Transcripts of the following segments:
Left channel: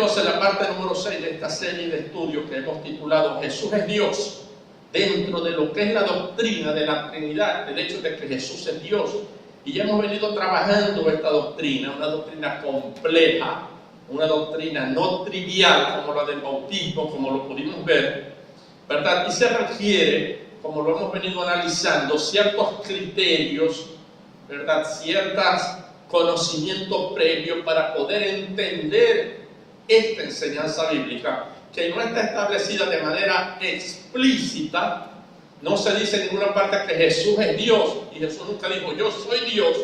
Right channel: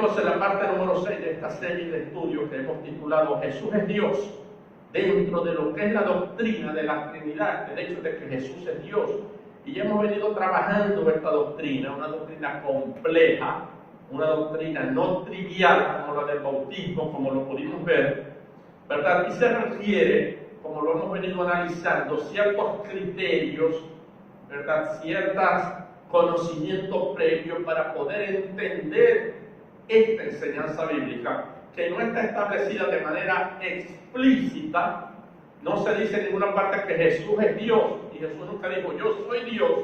Estamos en la parte número 6 de esta serie de estudios que hemos titulado Jesús es Dios, dentro de lo que es la doctrina de la Trinidad, del hecho de que Jesús es Dios. Y ya hemos venido trabajando esta doctrina, una doctrina compleja, una doctrina no trivial como la del bautismo, como lo pudimos ver, ¿verdad? Y se requiere, como lo hemos venido analizando, ciertos criterios, ¿verdad? Ciertos conocimientos previos para poder entender esta enseñanza bíblica, que no está establecida de manera explícita. No se dice en ninguna parte que Jesús es Dios, y Jesús nunca dijo yo soy Dios,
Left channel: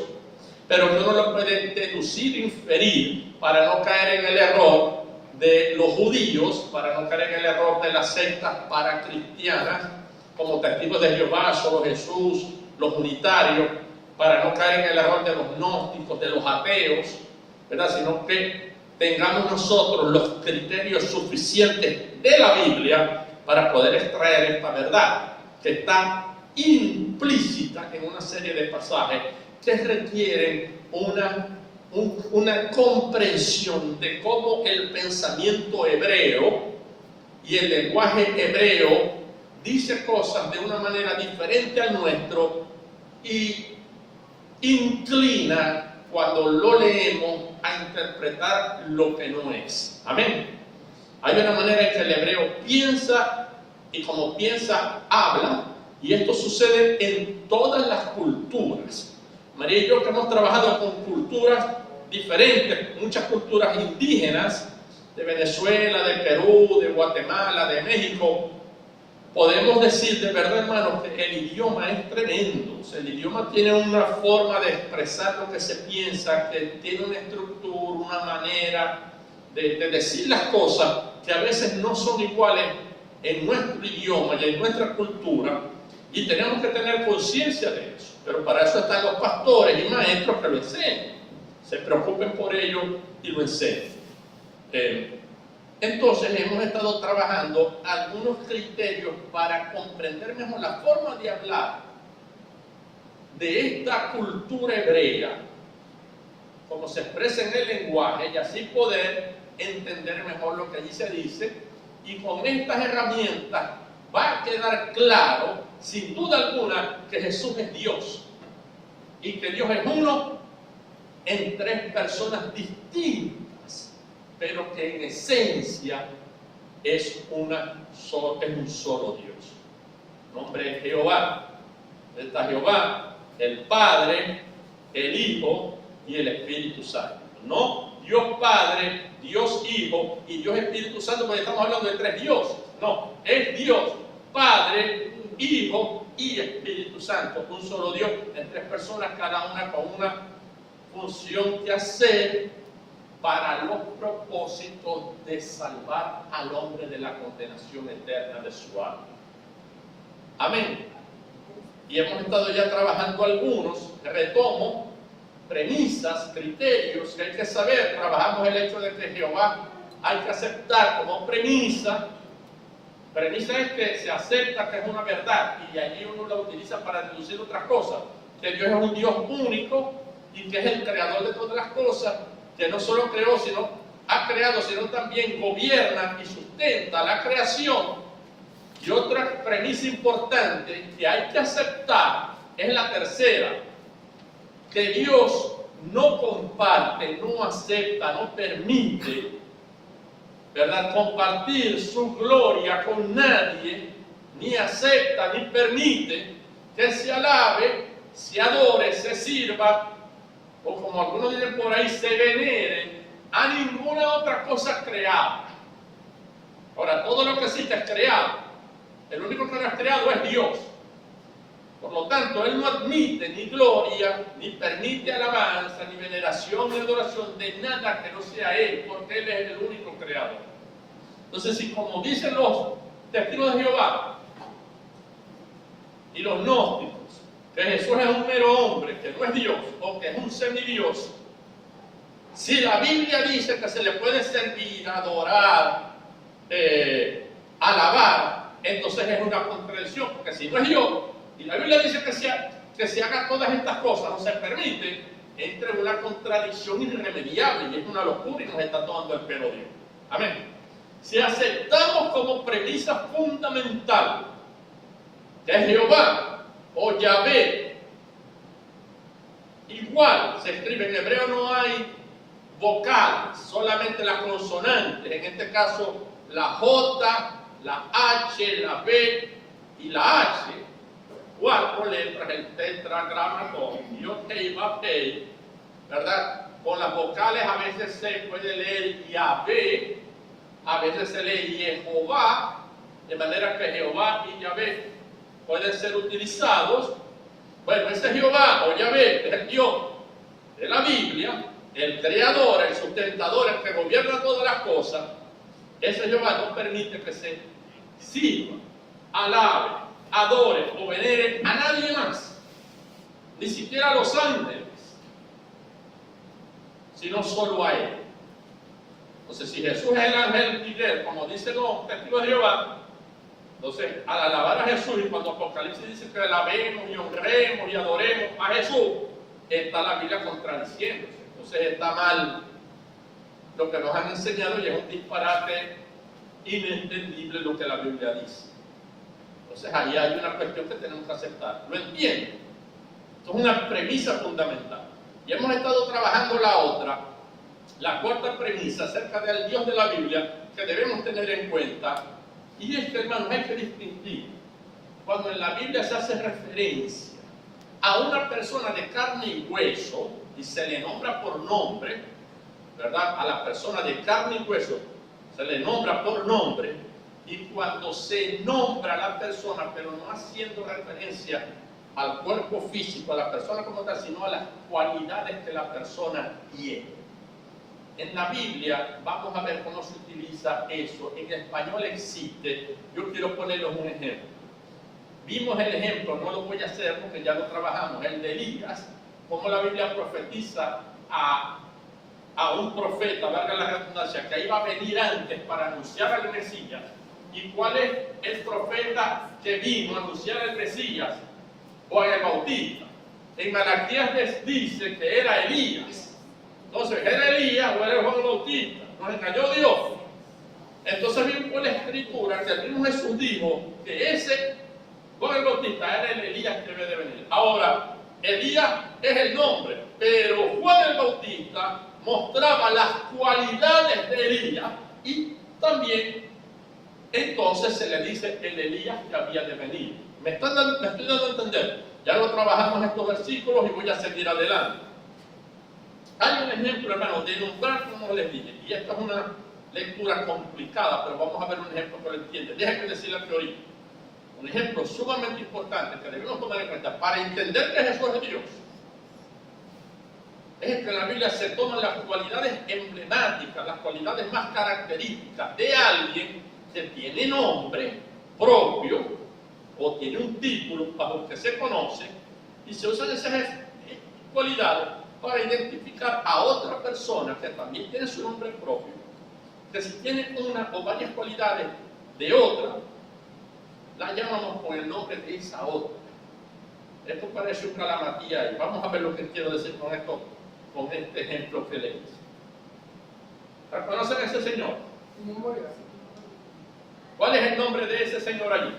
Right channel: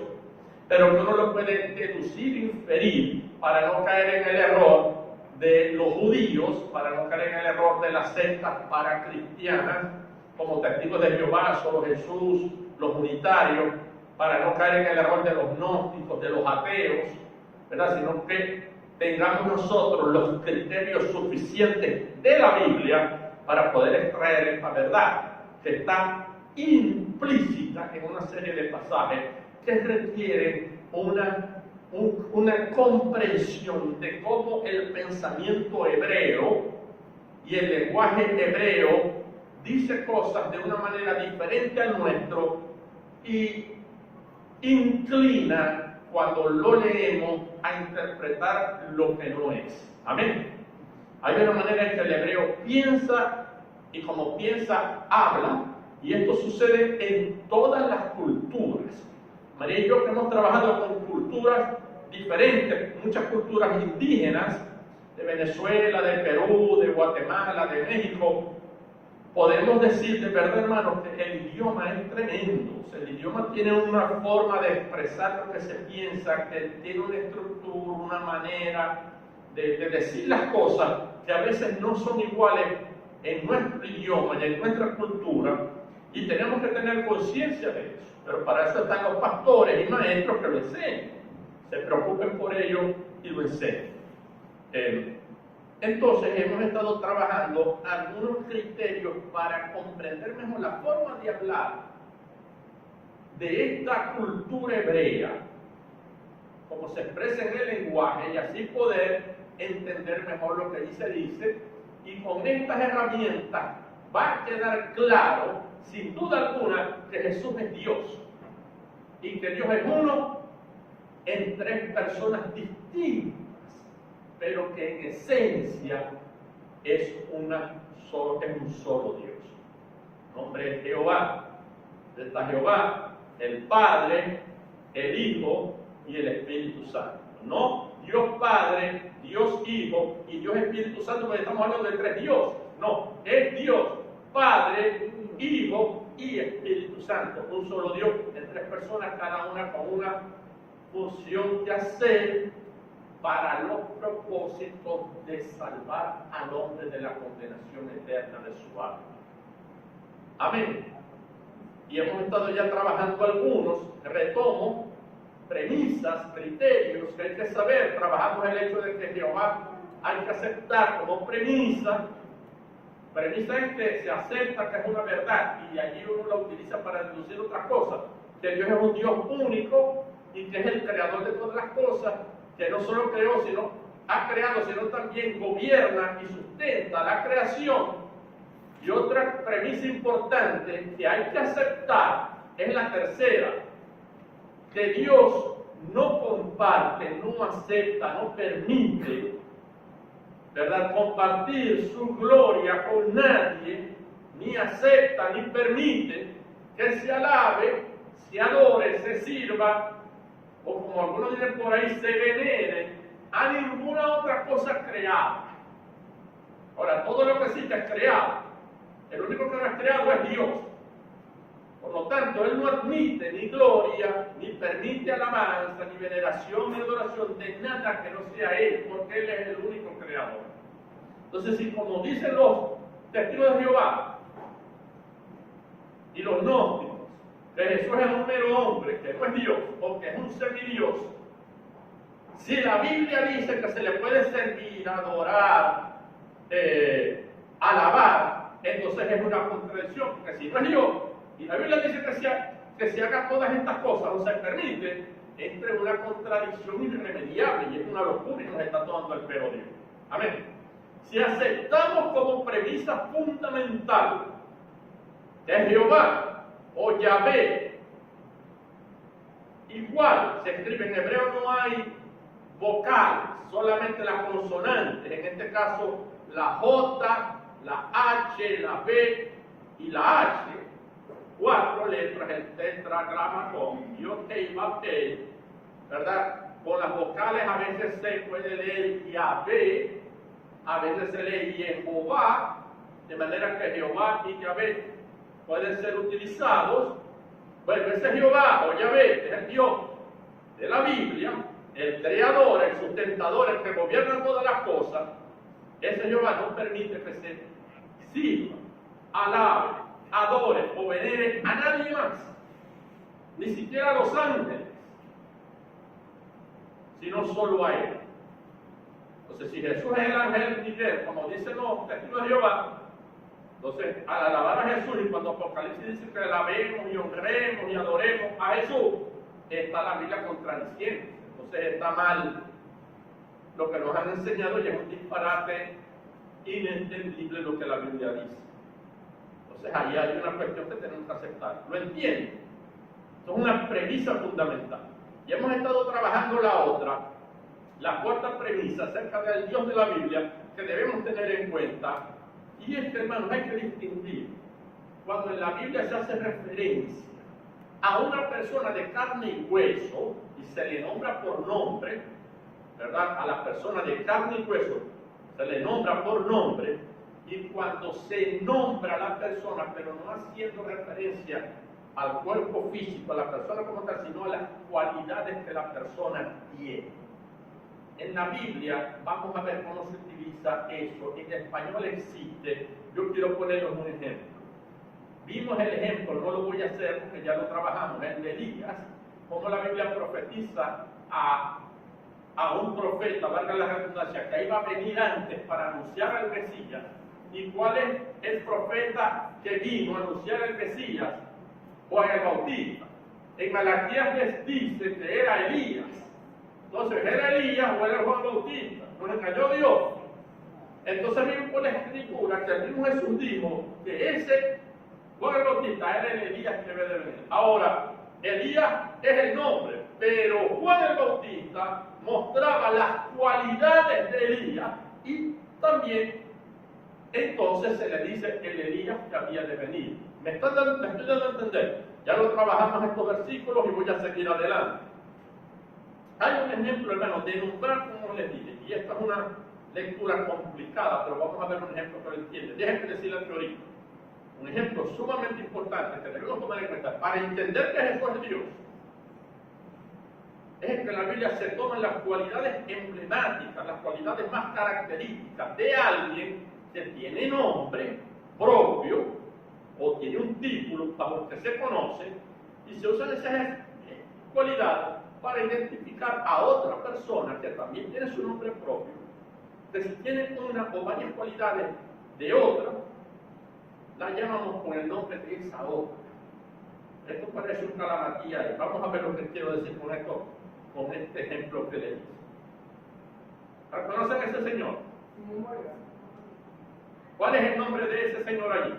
pero uno lo puede deducir, inferir, para no caer en el error de los judíos, para no caer en el error de las sectas paracristianas, como Testigos de Jehová, solo Jesús, los unitarios, para no caer en el error de los gnósticos, de los ateos, ¿verdad? Sino que tengamos nosotros los criterios suficientes de la Biblia para poder extraer esta verdad que está implícita en una serie de pasajes que requieren una comprensión de cómo el pensamiento hebreo y el lenguaje hebreo dice cosas de una manera diferente al nuestro y inclina, cuando lo leemos, a interpretar lo que no es. Amén. Hay una manera en que el hebreo piensa, y como piensa, habla, y esto sucede en todas las culturas. María y yo, que hemos trabajado con culturas diferentes, muchas culturas indígenas, de Venezuela, de Perú, de Guatemala, de México, podemos decir de verdad, hermanos, que el idioma es tremendo. O sea, el idioma tiene una forma de expresar lo que se piensa, que tiene una estructura, una manera de decir las cosas que a veces no son iguales en nuestro idioma y en nuestra cultura, y tenemos que tener conciencia de eso. Pero para eso están los pastores y maestros que lo enseñan. Se preocupen por ello y lo enseñen. Entonces hemos estado trabajando algunos criterios para comprender mejor la forma de hablar de esta cultura hebrea, cómo se expresa en el lenguaje, y así poder entender mejor lo que allí se dice. Y con estas herramientas va a quedar claro, sin duda alguna, que Jesús es Dios y que Dios es uno en tres personas distintas, pero que en esencia es un solo Dios. El nombre es Jehová. Está Jehová, el Padre, el Hijo y el Espíritu Santo. No Dios Padre, Dios Hijo y Dios Espíritu Santo, porque estamos hablando de tres dioses. No, es Dios Padre, Hijo y Espíritu Santo. Un solo Dios en tres personas, cada una con una función que hacer para los propósitos de salvar al hombre de la condenación eterna de su alma. Amén. Y hemos estado ya trabajando algunos, retomo, premisas, criterios que hay que saber. Trabajamos el hecho de que Jehová hay que aceptar como premisa. Premisa es que se acepta que es una verdad, y allí uno la utiliza para deducir otras cosas. Que Dios es un Dios único y que es el creador de todas las cosas, que no solo creó, sino ha creado, sino también gobierna y sustenta la creación. Y otra premisa importante que hay que aceptar es la tercera, que Dios no comparte, no acepta, no permite, ¿verdad?, compartir su gloria con nadie, ni acepta, ni permite que se alabe, se adore, se sirva, o como algunos dicen por ahí, se venere a ninguna otra cosa creada. Ahora, todo lo que existe es creado. El único que no es creado es Dios. Por lo tanto, Él no admite ni gloria, ni permite alabanza, ni veneración, ni adoración de nada que no sea Él, porque Él es el único creador. Entonces, si como dicen los testigos de Jehová y los gnósticos, que Jesús es un mero hombre, que no es Dios, o que es un semidios, si la Biblia dice que se le puede servir, adorar, alabar, entonces es una contradicción, porque si no es Dios, y la Biblia dice que se haga todas estas cosas, no se permite, entre una contradicción irremediable, y es una locura y nos está tomando el pelo Dios. Amén. Si aceptamos como premisa fundamental que Jehová o Yahvé, igual se escribe en hebreo, no hay vocales, solamente las consonantes, en este caso la J, la H, la B y la H, 4 letras, el tetragramatón, Yod Hei Vav Hei, ¿verdad? Con las vocales a veces se puede leer Yahvé, a veces se lee Jehová, de manera que Jehová y Yahvé pueden ser utilizados. Bueno, ese Jehová o Yahvé es el Dios de la Biblia, el creador, el sustentador, el que gobierna todas las cosas. Ese Jehová no permite que se sirva, alabe, adore o venere a nadie más, ni siquiera a los ángeles, sino solo a Él. Entonces, si Jesús es el ángel Miguel, como dicen los testigos de Jehová, entonces, al alabar a Jesús, y cuando Apocalipsis dice que alabemos y honremos y adoremos a Jesús, está la Biblia contradiciendo. Entonces, está mal lo que nos han enseñado y es un disparate inentendible lo que la Biblia dice. Entonces, ahí hay una cuestión que tenemos que aceptar. ¿Lo entienden? Esto es una premisa fundamental. Y hemos estado trabajando la otra, la cuarta premisa acerca del Dios de la Biblia que debemos tener en cuenta. Y es que, hermanos, hay que distinguir cuando en la Biblia se hace referencia a una persona de carne y hueso y se le nombra por nombre, ¿verdad? A la persona de carne y hueso se le nombra por nombre, y cuando se nombra a la persona, pero no haciendo referencia al cuerpo físico, a la persona como tal, sino a las cualidades que la persona tiene. En la Biblia vamos a ver cómo se utiliza eso. En español existe. Yo quiero ponerles un ejemplo. Vimos el ejemplo, no lo voy a hacer porque ya lo trabajamos, el de Elías, cómo la Biblia profetiza a un profeta, valga la redundancia, que iba a venir antes para anunciar al Mesías. ¿Y cuál es el profeta que vino a anunciar al Mesías? Juan el Bautista. En Malaquías les dice que era Elías. Entonces, ¿era Elías o era Juan el Bautista? Nos engañó Dios. Entonces vimos por la Escritura que el mismo Jesús dijo que ese Juan el Bautista era el Elías que debe de venir. Ahora, Elías es el nombre, pero Juan el Bautista mostraba las cualidades de Elías y también entonces se le dice el Elías que había de venir. ¿Me estoy dando a entender? Ya lo trabajamos en estos versículos y voy a seguir adelante. Hay un ejemplo, hermano, de nombrar como les dije, y esta es una lectura complicada, pero vamos a ver un ejemplo que lo entiende. Déjenme decir la teoría. Un ejemplo sumamente importante que debemos tomar en cuenta para entender que Jesús es Dios es que en la Biblia se toman las cualidades emblemáticas, las cualidades más características de alguien que tiene nombre propio o tiene un título bajo el que se conoce, y se usan esas cualidades para identificar a otra persona que también tiene su nombre propio, que si tiene una o varias cualidades de otra, la llamamos con el nombre de esa otra. Esto parece un calamatía y vamos a ver lo que quiero decir con esto, con este ejemplo que le hice. ¿Reconocen a ese señor? ¿Cuál es el nombre de ese señor allí?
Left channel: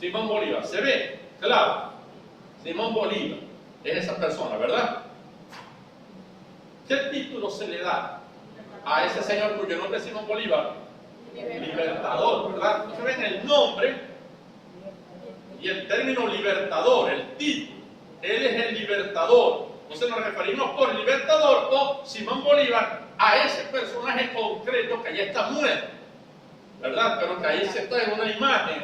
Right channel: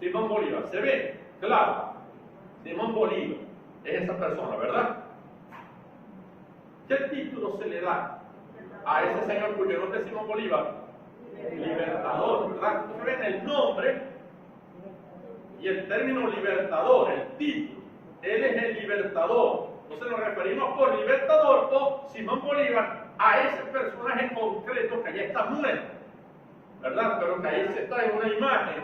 Simón Bolívar. ¿Se ve? Claro. Simón Bolívar es esa persona, ¿verdad? ¿Qué título se le da a ese señor cuyo nombre es Simón Bolívar? Libertador, ¿verdad? Entonces ven el nombre y el término libertador, el título. Él es el libertador. Entonces nos referimos por libertador o Simón Bolívar a ese personaje concreto que ya está muerto, ¿verdad? Pero que ahí se está en una imagen,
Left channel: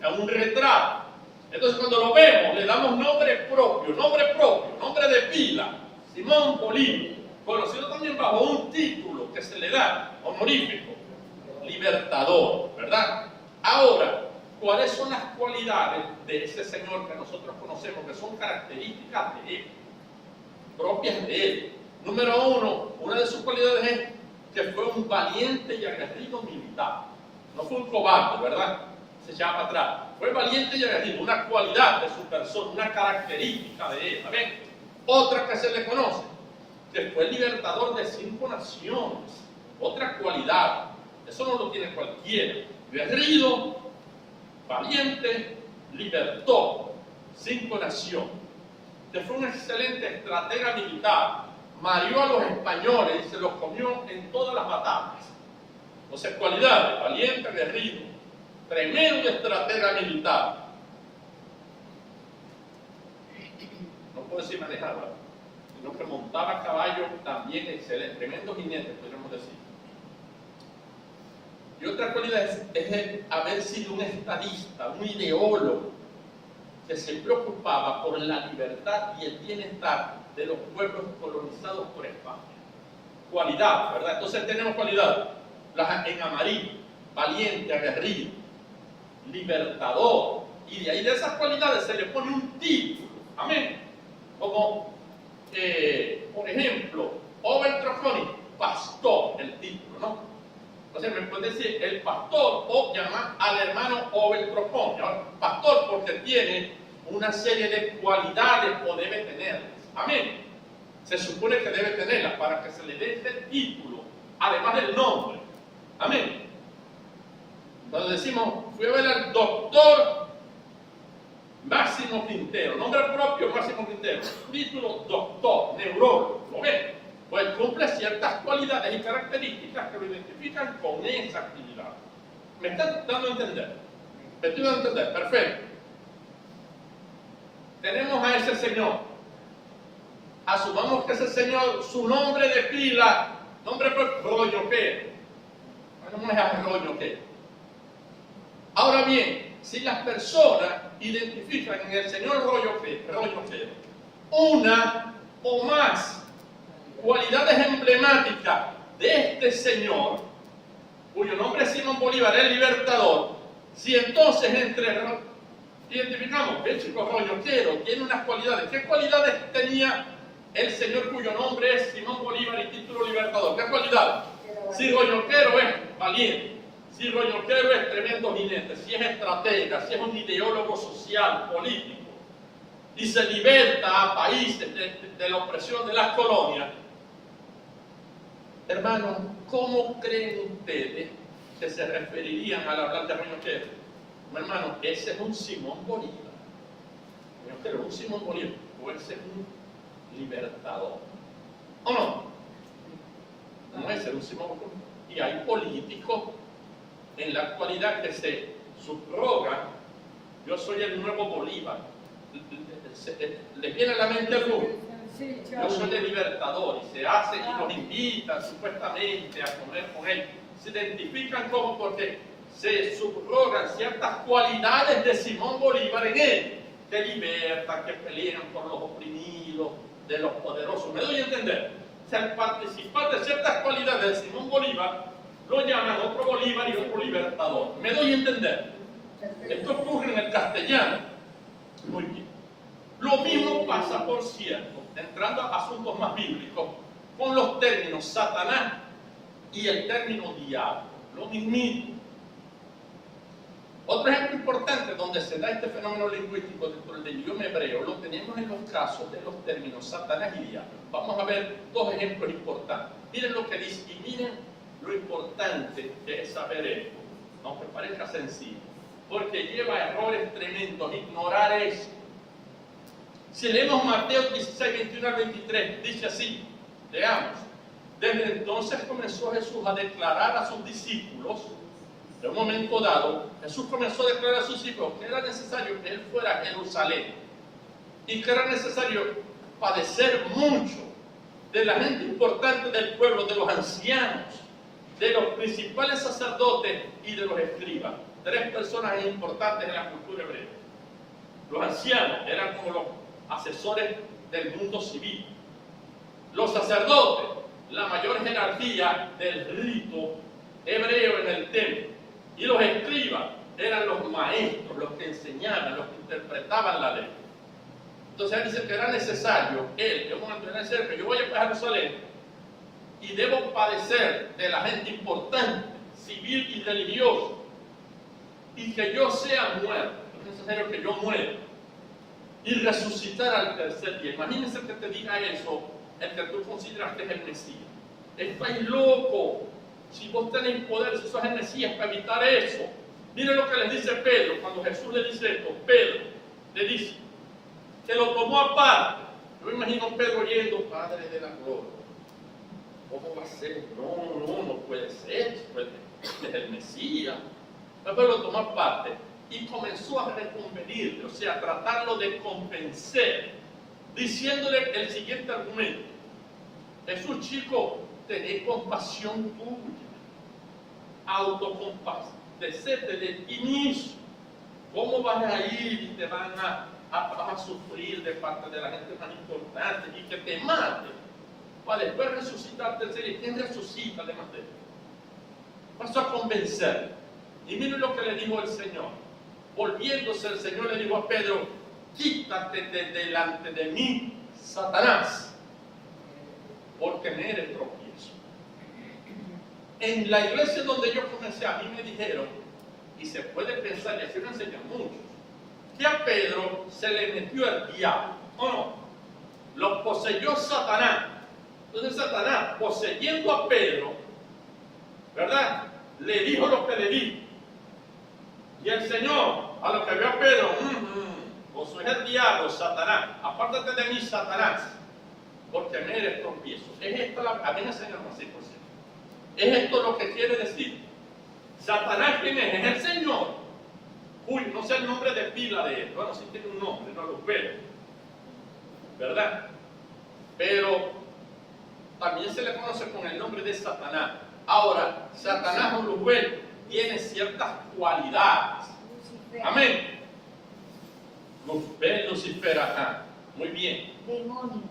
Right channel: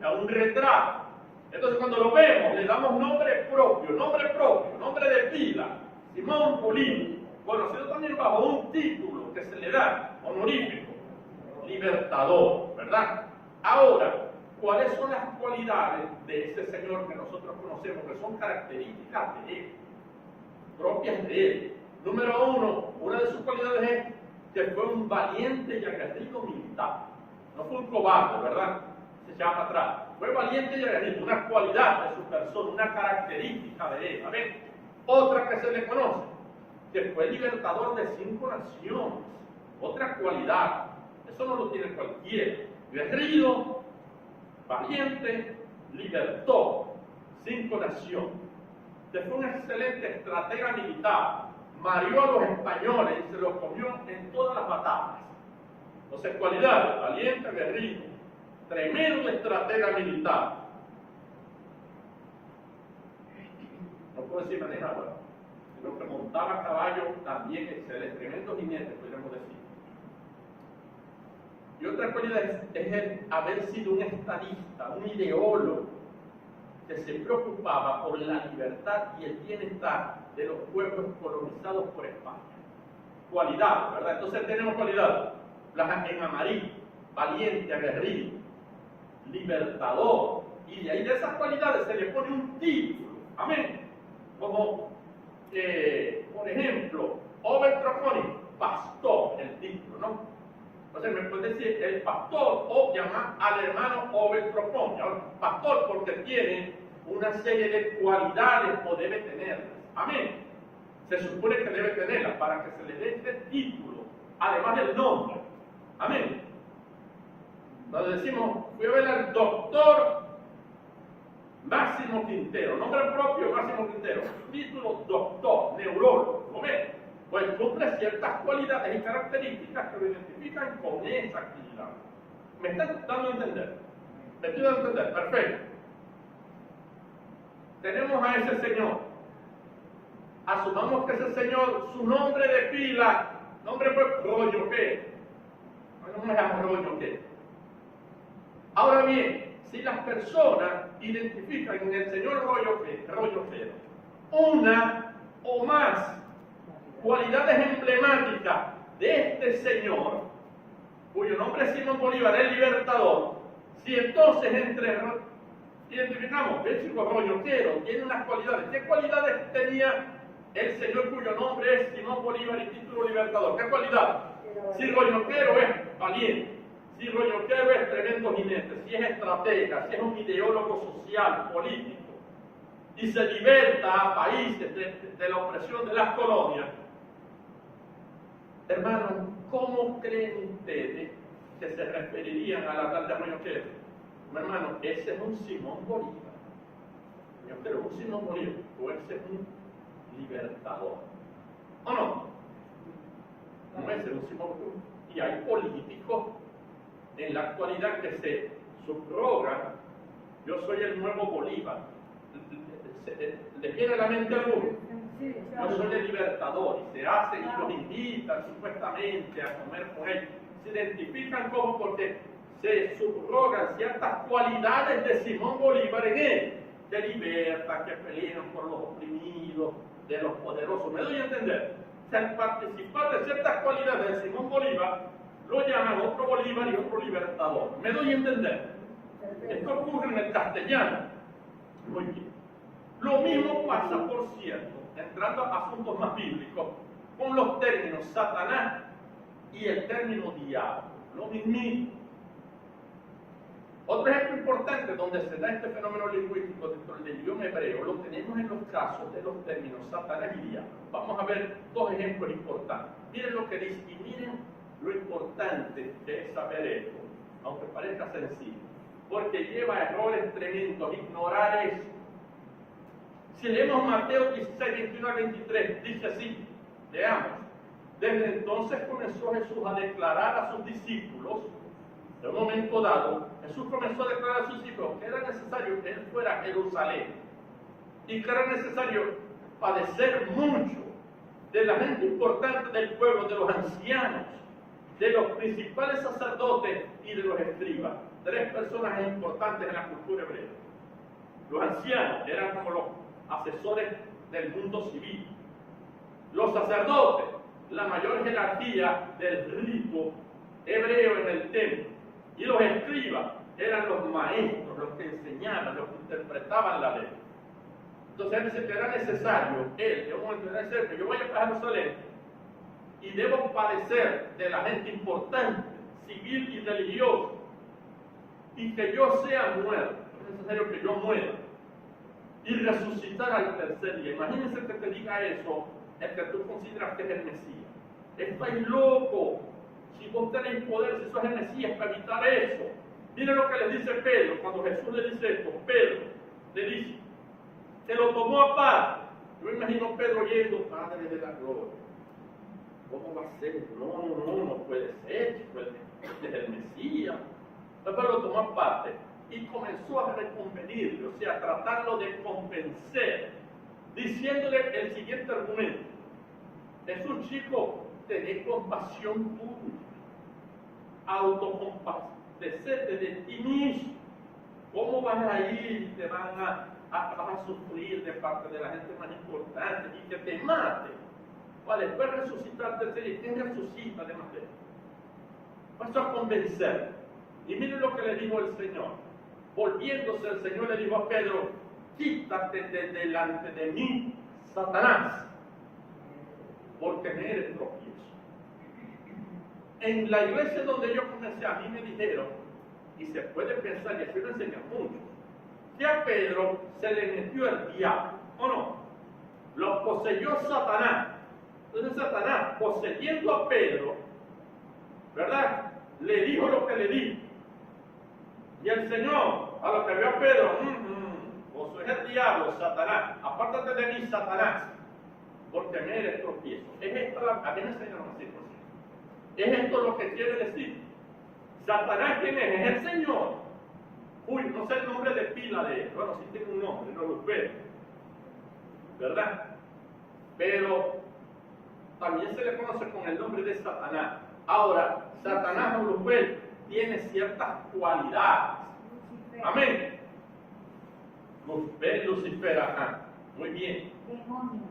en un retrato. Entonces cuando lo vemos le damos nombre propio, nombre de pila, Simón Bolívar, conocido también bajo un título que se le da honorífico, libertador, ¿verdad? Ahora, ¿cuáles son las cualidades de ese señor que nosotros conocemos, que son características de él, propias de él? Número uno, una de sus cualidades es que fue un valiente y aguerrido militar. No fue un cobarde, ¿verdad? Se llama para atrás. Fue valiente y aguerrido, una cualidad de su persona, una característica de él. ¿Ven? Otra que se le conoce, que fue libertador de 5 naciones. otra cualidad. Eso no lo tiene cualquiera. Guerrido, valiente, libertó, sin corazón. Este fue un excelente estratega militar. Mareó a los españoles y se los comió en todas las batallas. Entonces, cualidades: valiente, guerrido, tremendo estratega militar. No puedo decir manejaba, sino que montaba a caballo también excelente, tremendo jinete, podríamos decir. Y otra cualidad es el haber sido un estadista, un ideólogo, que se preocupaba por la libertad y el bienestar de los pueblos colonizados por España. Cualidad, ¿verdad? Entonces tenemos cualidad. En amarillo: valiente, aguerrido, libertador. Y de ahí, de esas cualidades, se le pone un título. Amén. Como, por ejemplo, Overtrofoni, pastor, el título, ¿no? O sea, me puede decir el pastor, o llamar al hermano Overtrofoni. Pastor, porque tiene una serie de cualidades, o debe tenerlas. Amén. Se supone que debe tenerlas para que se le dé este título, además del nombre. Amén. Entonces decimos, fui a ver al doctor Máximo Quintero, nombre propio Máximo Quintero, título doctor, neurólogo, ¿lo ven? Pues cumple ciertas cualidades y características que lo identifican con esa actividad. ¿Me están dando a entender? ¿Me estoy dando a entender? Perfecto. Tenemos a ese señor. Asumamos que ese señor, su nombre de pila, nombre fue Royoquero. No me llamo Royoquero. Ahora bien, si las personas identifican en el señor Royoquero una o más cualidades emblemáticas de este señor, cuyo nombre es Simón Bolívar, el libertador, si entonces identificamos que el chico Royoquero tiene unas cualidades, ¿qué cualidades tenía el señor cuyo nombre es Simón Bolívar y título libertador? ¿Qué cualidad? Si Royoquero es valiente, si Royoquero es tremendo jinete, si es estratega, si es un ideólogo social, político, y se liberta a países de la opresión de las colonias, hermanos, ¿cómo creen ustedes que se referirían al hablar de Royoquero? Hermano, ese es un Simón Bolívar. Royoquero es un Simón Bolívar, o ese es un libertador. ¿O no? No, ese es un Simón Bolívar. Y hay políticos en la actualidad que se subrogan: yo soy el nuevo Bolívar. ¿Les viene a la mente alguno? Yo soy el libertador, y se hace, y los invitan supuestamente a comer con él. Se identifican como porque se subrogan ciertas cualidades de Simón Bolívar en él, que libertan, que pelean por los oprimidos, de los poderosos. ¿Me doy a entender? O sea, al participar de ciertas cualidades de Simón Bolívar, lo llaman otro Bolívar y otro libertador. ¿Me doy a entender? Esto ocurre en el castellano. Muy bien. Lo mismo pasa, por cierto, entrando a asuntos más bíblicos, con los términos Satanás y el término diablo. Lo mismito. Otro ejemplo importante donde se da este fenómeno lingüístico dentro del idioma hebreo lo tenemos en los casos de los términos Satanás y diablo. Vamos a ver dos ejemplos importantes. Miren lo que dice, y miren lo importante que es saber esto, aunque parezca sencillo, porque lleva errores tremendos ignorar eso. Si leemos Mateo 16, 21 al 23, dice así, leamos: desde entonces comenzó Jesús a declarar a sus discípulos. En un momento dado, Jesús comenzó a declarar a sus discípulos que era necesario que Él fuera a Jerusalén y que era necesario padecer mucho de la gente importante del pueblo, de los ancianos, de los principales sacerdotes y de los escribas. Tres personas importantes en la cultura hebrea. Los ancianos eran como los asesores del mundo civil. Los sacerdotes, la mayor jerarquía del rito hebreo en el templo. Y los escribas eran los maestros, los que enseñaban, los que interpretaban la ley. Entonces él dice que era necesario, en un momento era necesario que yo vaya para Jerusalén y debo padecer de la gente importante, civil y religiosa, y que yo sea muerto. Es necesario que yo muera y resucitar al tercer día. Imagínense que te diga eso el que tú consideras que es el Mesías. Estáis loco. si vos tenéis poder, si sos el Mesías, para evitar eso. Mire lo que le dice Pedro, cuando Jesús le dice esto, Pedro le dice, que lo tomó aparte. Yo imagino a Pedro yendo, Padre de la gloria. ¿Cómo va a ser? No puede ser. Es el Mesías. Pero lo tomó aparte y comenzó a reconvenirle, o sea, a tratarlo de convencer, diciéndole el siguiente argumento. Jesús, chico, tenés compasión tuya, autocompasecete de ti mismo. ¿Cómo vas a ir y te vas a sufrir de parte de la gente más importante y que te mate para después resucitar tercero? ¿Y quién resucita además de él? Pasó a convencer. Y miren lo que le dijo el Señor. Volviéndose el Señor le dijo a Pedro, quítate de delante de mí, Satanás, porque me eres tropiezo. En la iglesia donde yo comencé, a mí me dijeron, y se puede pensar, y así lo enseñan muchos, que a Pedro se le metió el diablo, ¿o no? Lo poseyó Satanás. Entonces Satanás, poseyendo a Pedro, ¿verdad?, le dijo lo que le dijo. Y el Señor, a lo que vio a Pedro, vos sois el diablo, Satanás, apártate de mí, Satanás, porque me eres tropiezo. Es esto, a mí me enseñaron así, por cierto. Es esto lo que quiere decir. Satanás, ¿quién es? Es el Señor. Uy, no sé el nombre de pila de él. Bueno, sí tiene un nombre, no lo veo, ¿verdad? Pero también se le conoce con el nombre de Satanás. Ahora, Satanás o Luzbel tiene ciertas cualidades. Amén. Luzbel, Lucifer, ajá. Muy bien. Demonio.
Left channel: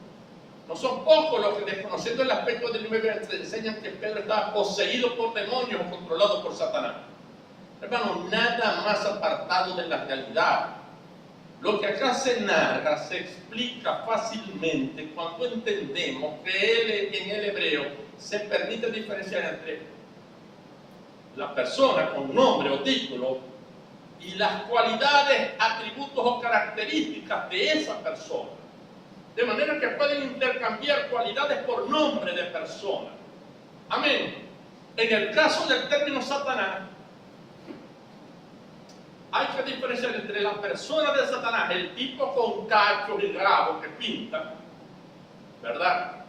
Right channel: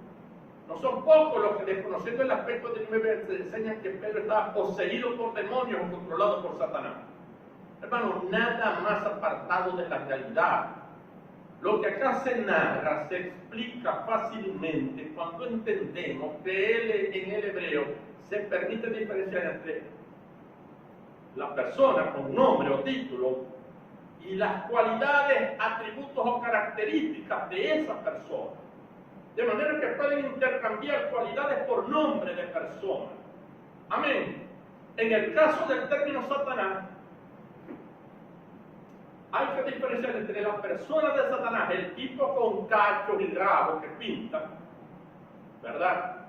No son pocos los que, desconociendo el aspecto del Biblia, te enseñan que Pedro estaba poseído por demonios o controlado por Satanás. Hermano, nada más apartado de la realidad. Lo que acá se narra se explica fácilmente cuando entendemos que en el hebreo se permite diferenciar entre la persona con nombre o título y las cualidades, atributos o características de esa persona. De manera que pueden intercambiar cualidades por nombre de persona. Amén. En el caso del término Satanás, hay que diferenciar entre la persona de Satanás, el tipo con cachos y rabos que pinta, ¿verdad?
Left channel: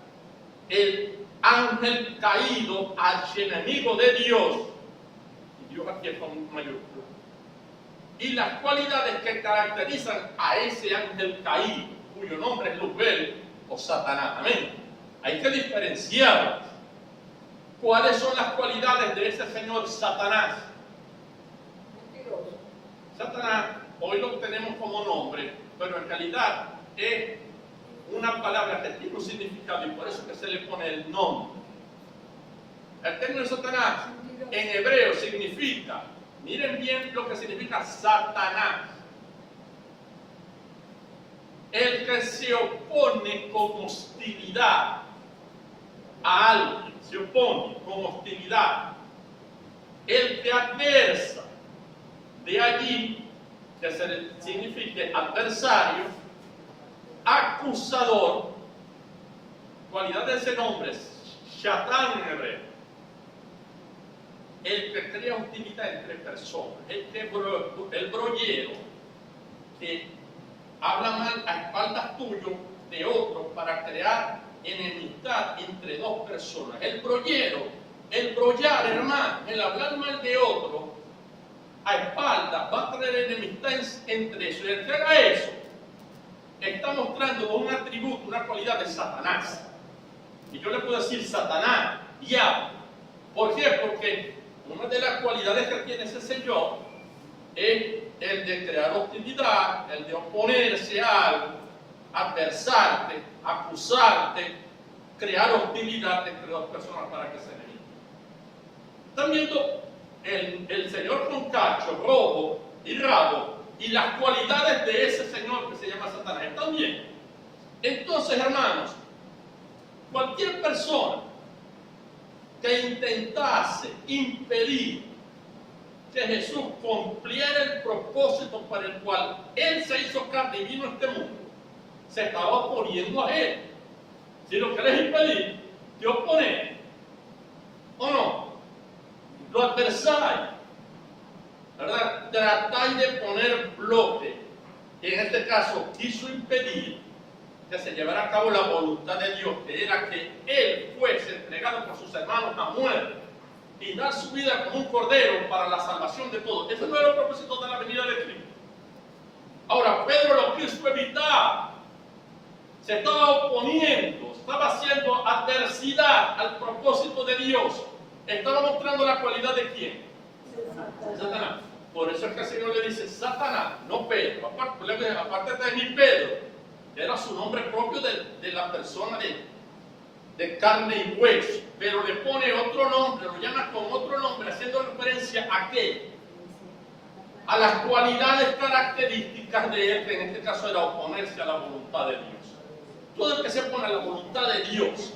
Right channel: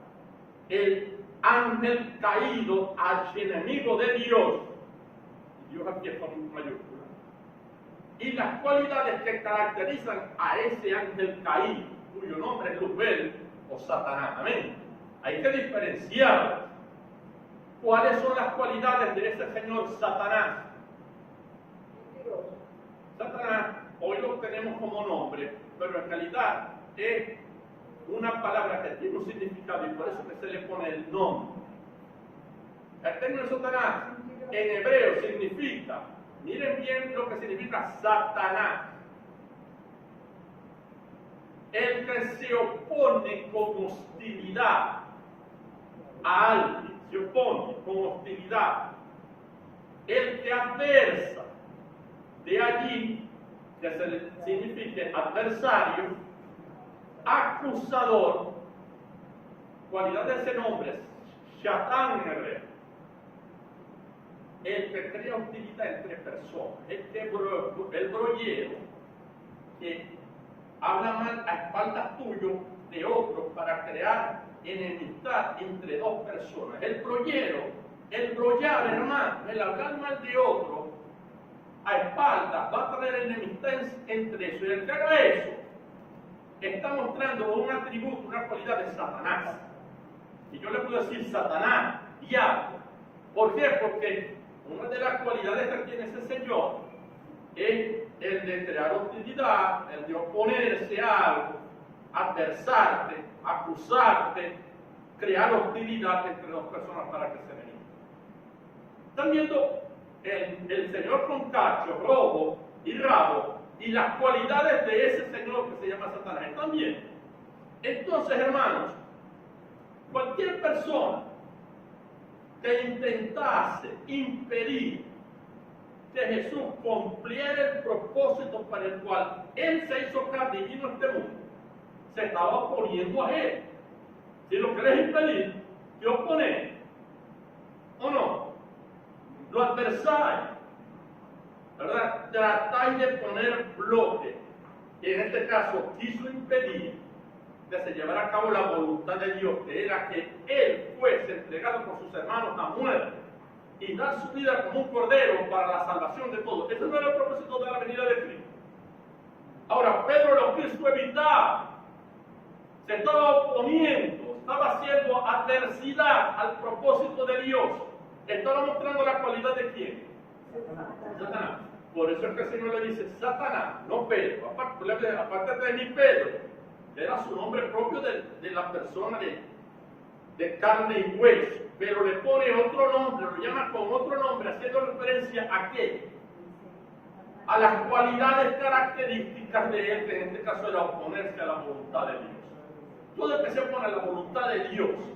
El ángel caído, archienemigo de Dios, y Dios aquí es con mayúscula, y las cualidades que caracterizan a ese ángel caído, cuyo nombre es Luzbel o Satanás. Amén. Hay que diferenciarlas. ¿Cuáles son las cualidades de ese señor Satanás? Satanás, hoy lo tenemos como nombre, pero en realidad es una palabra que tiene un significado y por eso que se le pone el nombre. El término Satanás en hebreo significa, miren bien lo que significa Satanás, el que se opone con hostilidad a alguien, se opone con hostilidad, el que adversa. De allí que signifique adversario, acusador. Cualidad de ese nombre es Shatán en hebreo. El que crea hostilidad entre personas, el brollero que habla mal a espaldas tuyas de otro para crear enemistad entre dos personas. El brollero, el brollar, hermano, el hablar mal de otro a espaldas va a traer enemistad entre eso. Y el que haga eso está mostrando un atributo, una cualidad de Satanás. Y yo le puedo decir Satanás, diablo. ¿Por qué? Porque una de las cualidades que tiene ese señor es el de crear hostilidad, el de oponerse a algo, adversarte, acusarte, crear hostilidad entre dos personas para que se enemigen. ¿Están viendo el señor con cacho, robo y rabo y las cualidades de ese señor que se llama Satanás? ¿Están bien? Entonces, hermanos, cualquier persona que intentase impedir que Jesús cumpliera el propósito para el cual Él se hizo carne y vino a este mundo, se estaba oponiendo a Él. Si lo querés impedir, te opones, ¿o no? adversáis, ¿verdad? Tratáis de poner bloque. En este caso, quiso impedir que se llevara a cabo la voluntad de Dios, que era que Él fuese entregado por sus hermanos a muerte y dar su vida como un cordero para la salvación de todos. Ese no era el propósito de la venida de Cristo. Ahora, Pedro lo quiso evitar. Se estaba oponiendo, estaba haciendo adversidad al propósito de Dios. Estaba mostrando la cualidad de ¿quién? Satanás. Por eso es que el Señor le dice Satanás, no Pedro. Aparte de mi Pedro, que era su nombre propio de la persona de carne y hueso. Pero le pone otro nombre, lo llama con otro nombre, haciendo referencia a qué? A las cualidades características de él, que en este caso era oponerse a la voluntad de Dios. Todo el que se opone a la voluntad de Dios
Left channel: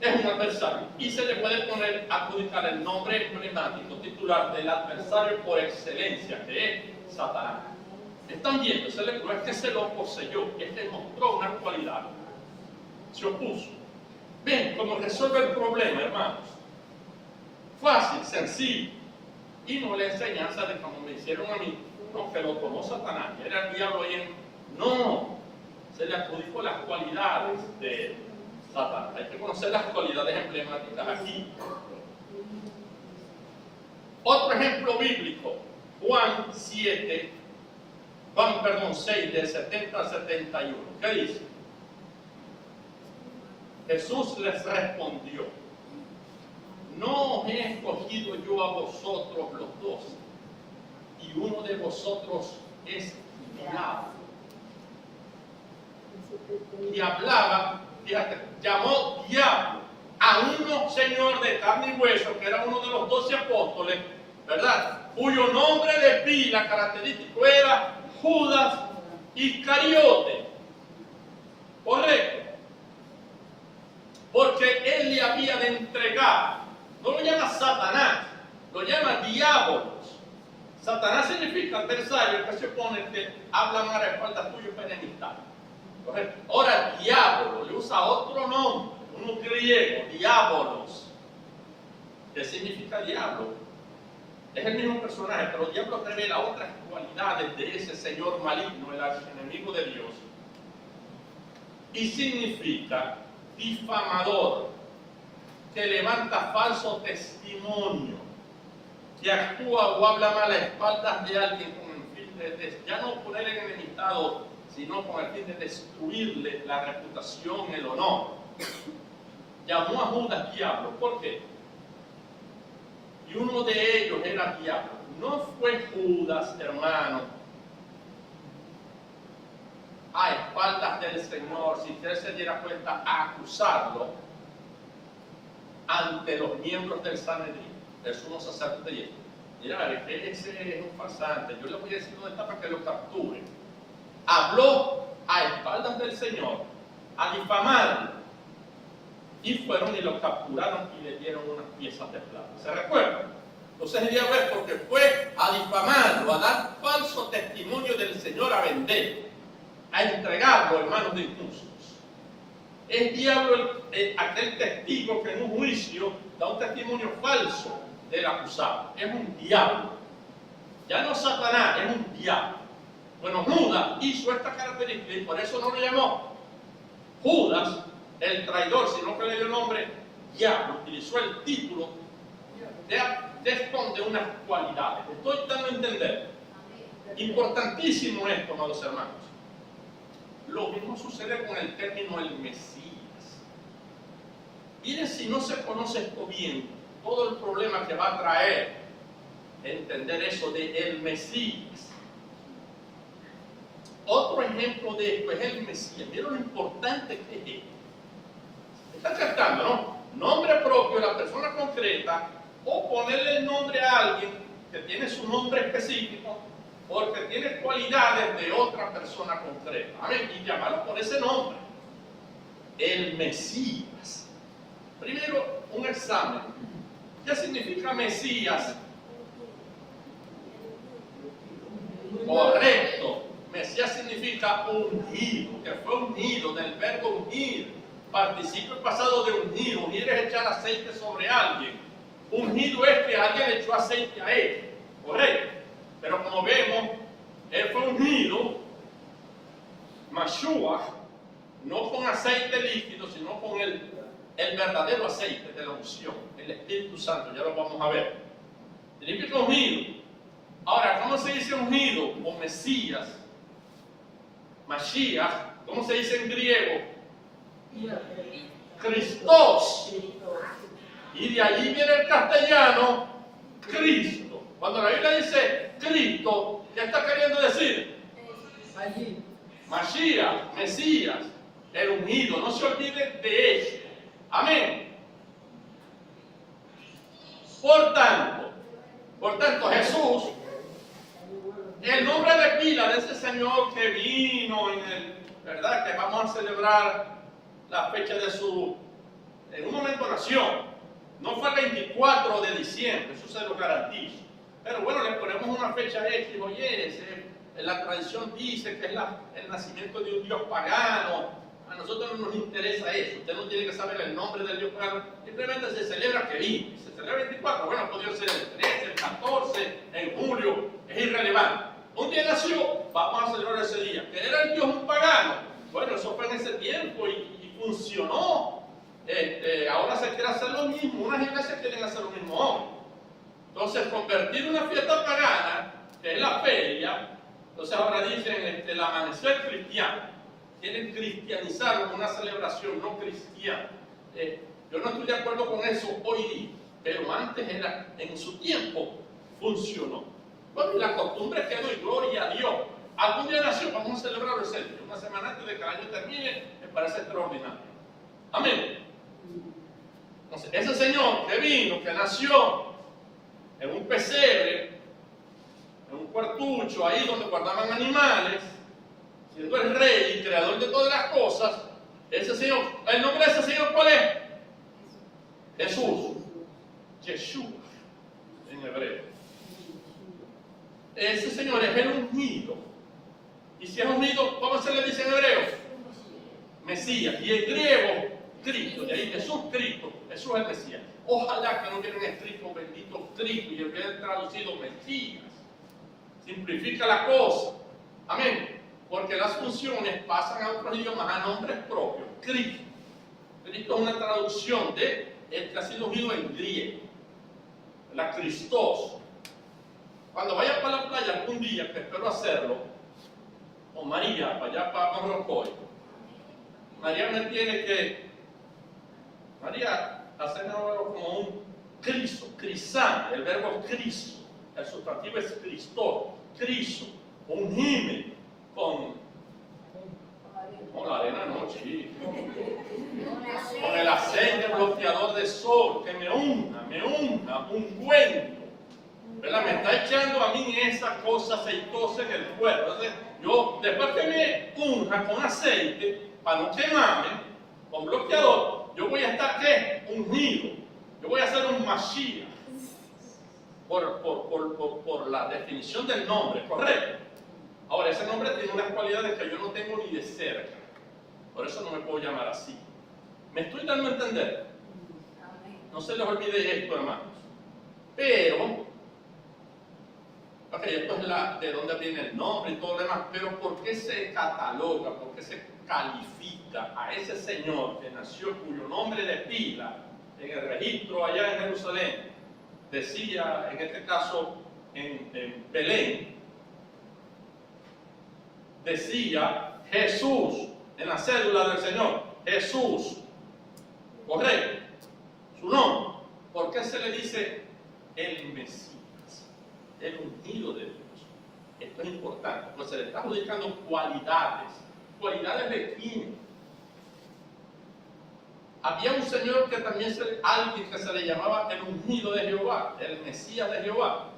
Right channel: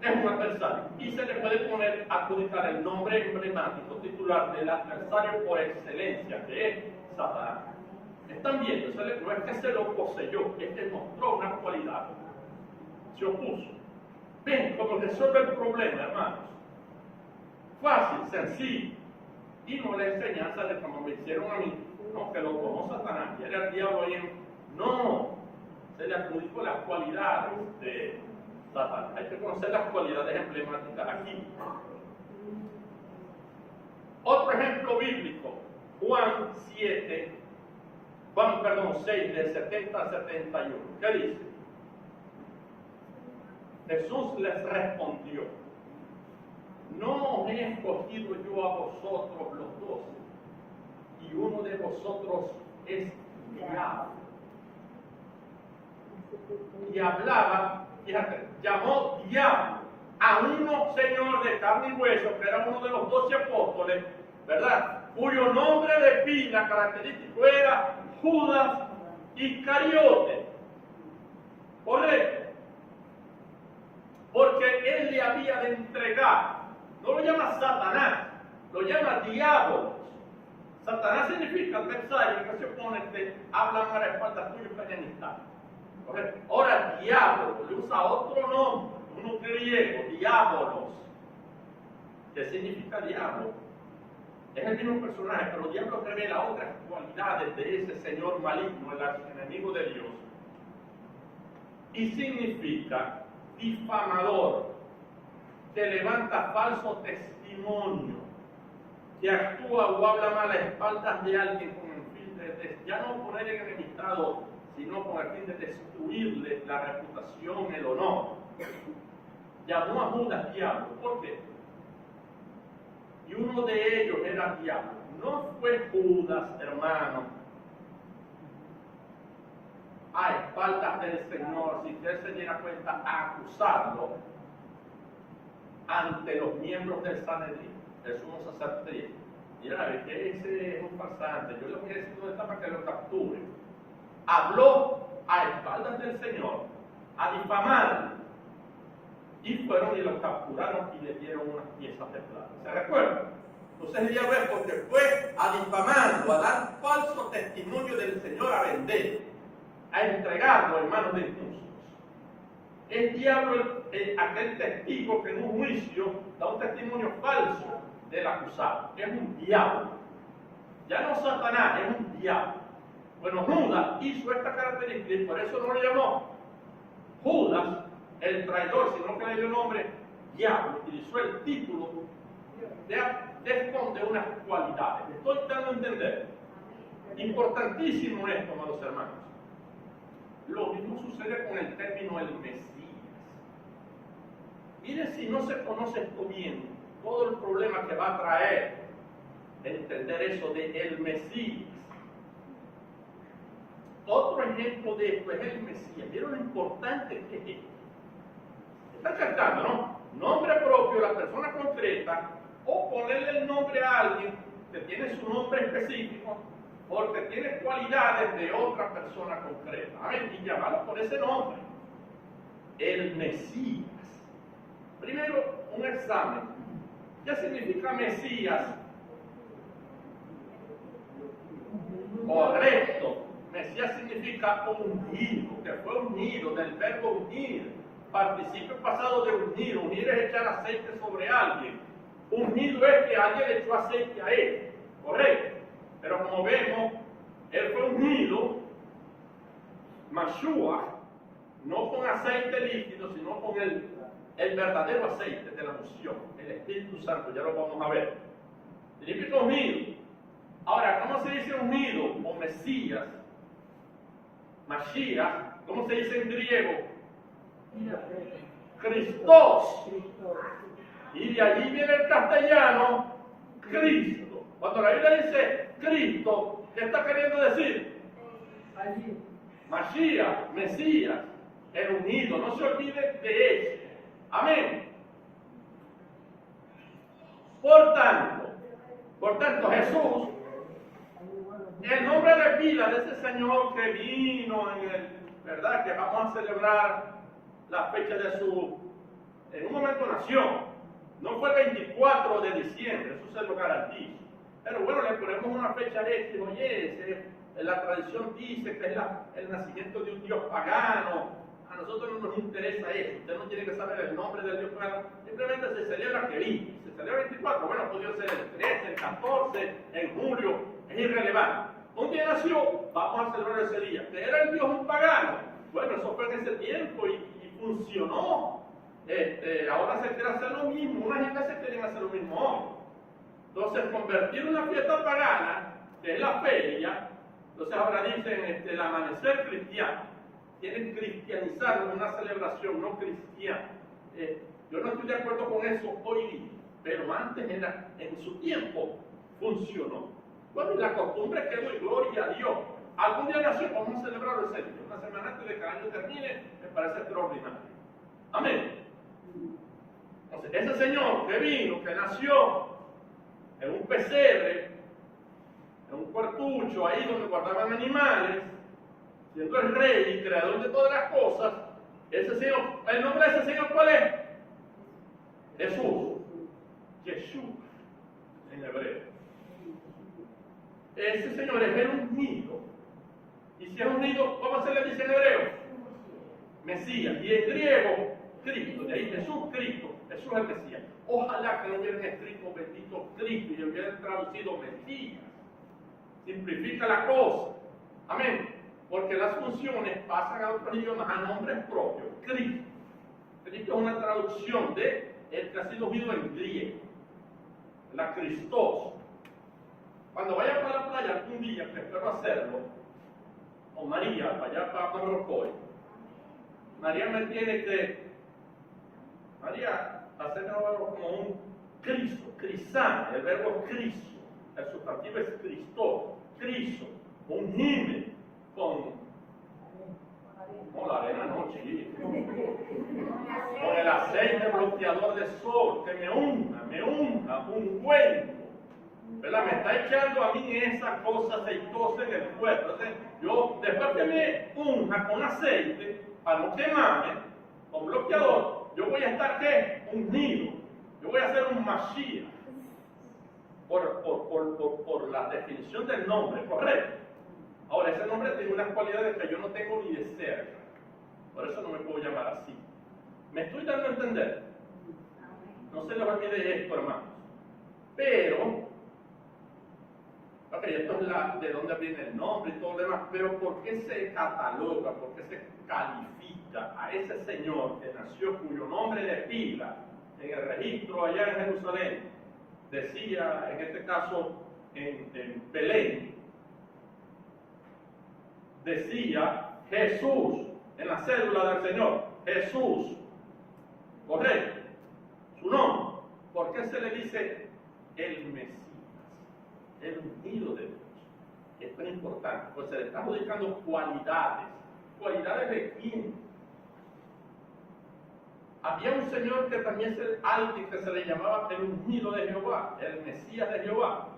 es un adversario. Y se le puede adjudicar el nombre emblemático titular del adversario por excelencia, que es Satanás. Están viendo, no es que se lo poseyó, es que mostró una cualidad. Se opuso. Ven cómo resuelve el problema, hermanos. Fácil, sencillo. Y no la enseñanza de como me hicieron a mí, no, que lo tomó Satanás, y era el diablo ahí. No, se le adjudicó las cualidades de Satanás. Hay que conocer las cualidades emblemáticas aquí. Otro ejemplo bíblico, Juan 6, del 70 al 71. ¿Qué dice? Jesús les respondió: no os he escogido yo a vosotros los 12, y uno de vosotros es diablo. Y hablaba, fíjate, llamó diablo a uno, Señor, de carne y hueso, que era uno de los 12 apóstoles, ¿verdad? Cuyo nombre de pila característico era Judas Iscariote. ¿Correcto? Porque él le había de entregar. No lo llama Satanás, lo llama diablos. Satanás significa adversario, que se opone, que habla mal a espaldas tuyo para enemistad. Ahora, diablo, le usa otro nombre, uno griego, diabolos, que significa diablo. Es el mismo personaje, pero el diablo revela otras cualidades de ese señor maligno, el archienemigo de Dios. Y significa difamador, que levanta falso testimonio, que actúa o habla mal a espaldas de alguien con el fin de ya no poner en enemistad, sino con el fin de destruirle la reputación, el honor. Llamó a Judas diablo. ¿Por qué? Y uno de ellos era diablo. No fue Judas, hermano, a espaldas del Señor, si usted se diera cuenta, a acusarlo ante los miembros del Sanedrín, el sumo sacerdote. Mira, es que ese es un farsante, yo le voy a decir dónde está para que lo capture. Habló a espaldas del Señor a difamarlo, y fueron y lo capturaron y le dieron unas piezas de plata. ¿Se recuerdan? Entonces el diablo es porque fue a difamarlo, a dar falso testimonio del Señor, a vender, a entregarlo en manos de injustos. Es diablo aquel testigo que en un juicio da un testimonio falso del acusado. Es un diablo. Ya no Satanás, es un diablo. Bueno, Judas hizo esta característica y por eso no lo llamó Judas el traidor, sino que le dio el nombre diablo. Utilizó el título de esconde unas cualidades. Estoy dando a entender. Importantísimo esto, amados hermanos. Lo mismo sucede con el término el Mesías. Miren, si no se conoce esto bien, todo el problema que va a traer entender eso de el Mesías. Otro ejemplo de esto es el Mesías. Miren lo importante que es esto. Están captando, ¿no? Nombre propio, la persona concreta, o ponerle el nombre a alguien que tiene su nombre específico porque tiene cualidades de otra persona concreta. Amén. Y llamarlo por ese nombre. El Mesías. Primero, un examen. ¿Qué significa Mesías? Correcto. Mesías significa ungido, que fue unido, del verbo ungir. Participio pasado de ungir. Unir es echar aceite sobre alguien. Ungido es que alguien le echó aceite a él, correcto. Pero como vemos, él fue ungido, Mashiach, no con aceite líquido, sino con el verdadero aceite de la unción, el Espíritu Santo, ya lo vamos a ver. Significa ungido. Ahora, ¿cómo se dice ungido o Mesías? Mashiach, ¿cómo se dice en griego? Christos. Y de allí viene el castellano, Cristo. Cuando la Biblia dice Cristo, ¿qué está queriendo decir? Mashiach, Mesías, el ungido. No se olvide de eso. Amén. Por tanto, Jesús, el nombre de pila de ese Señor que vino ¿verdad? Que vamos a celebrar la fecha de en un momento nació. No fue el 24 de diciembre, eso se lo garantizo. Pero bueno, le ponemos una fecha X, oye, la tradición dice que es el nacimiento de un Dios pagano. A nosotros no nos interesa eso. Usted no tiene que saber el nombre del Dios pagano. Simplemente se celebra que vino. Se celebra el 24, bueno, podría ser el 13, el 14, en julio, es irrelevante. Un día nació, vamos a celebrar ese día. ¿Que era el Dios un pagano? Bueno, eso fue en ese tiempo y funcionó. Ahora se quiere hacer lo mismo, unas iglesias quieren hacer lo mismo hoy. Entonces, convertir una fiesta pagana, que es la feria, entonces ahora dicen el amanecer cristiano. Quieren cristianizarlo en una celebración no cristiana. Yo no estoy de acuerdo con eso hoy día, pero antes en su tiempo funcionó. Bueno, y la costumbre quedó y gloria a Dios. Algún día nació, vamos a celebrar ese día. Una semana antes de que el año termine, me parece extraordinario. Amén. Entonces, ese Señor que vino, que nació en un pesebre, en un cuartucho, ahí donde guardaban animales, siendo el rey y creador de todas las cosas, ese Señor, ¿el nombre de ese Señor cuál es? Jesús. Yeshua, en hebreo. Ese Señor es el ungido. Y si es ungido, ¿cómo se le dice en hebreo? Mesías. Y en griego, Cristo. De ahí Jesús, Cristo. Jesús es el Mesías. Ojalá que no hubieran escrito bendito Cristo y hubieran traducido Mesías. Simplifica la cosa. Amén. Porque las funciones pasan a otros idiomas a nombres propios. Cristo. Cristo es una traducción de el que ha sido ungido en griego. La Christos. Cuando vaya para la playa algún día, que espero hacerlo, o María, para allá para Morrocoy, María me tiene que, hacerme algo como un criso, crisán, el verbo criso, el sustantivo es Cristo, criso, ungime con la arena no, chico, con el aceite bloqueador de sol, que me unja, ungüento. ¿Verdad? Me está echando a mí esa cosa aceitosa en el cuerpo. Entonces, yo, después que me unja con aceite, para no quemarme, con bloqueador, yo voy a estar, ¿qué? Ungido. Yo voy a ser un Mashiach. Por la definición del nombre, ¿correcto? Ahora, ese nombre tiene unas cualidades que yo no tengo ni de cerca. Por eso no me puedo llamar así. ¿Me estoy dando a entender? No se les olvide esto, hermanos. Pero, ok, esto es de dónde viene el nombre y todo lo demás, pero ¿por qué se cataloga, por qué se califica a ese Señor que nació, cuyo nombre de pila en el registro allá en Jerusalén decía, en este caso en Belén, decía Jesús en la cédula del Señor, Jesús, correcto, su nombre? ¿Por qué se le dice el Mesías, el ungido de Dios? Esto es importante, pues se le está adjudicando cualidades. ¿Cualidades de quién? Había un señor que también alguien que se le llamaba el ungido de Jehová, el Mesías de Jehová.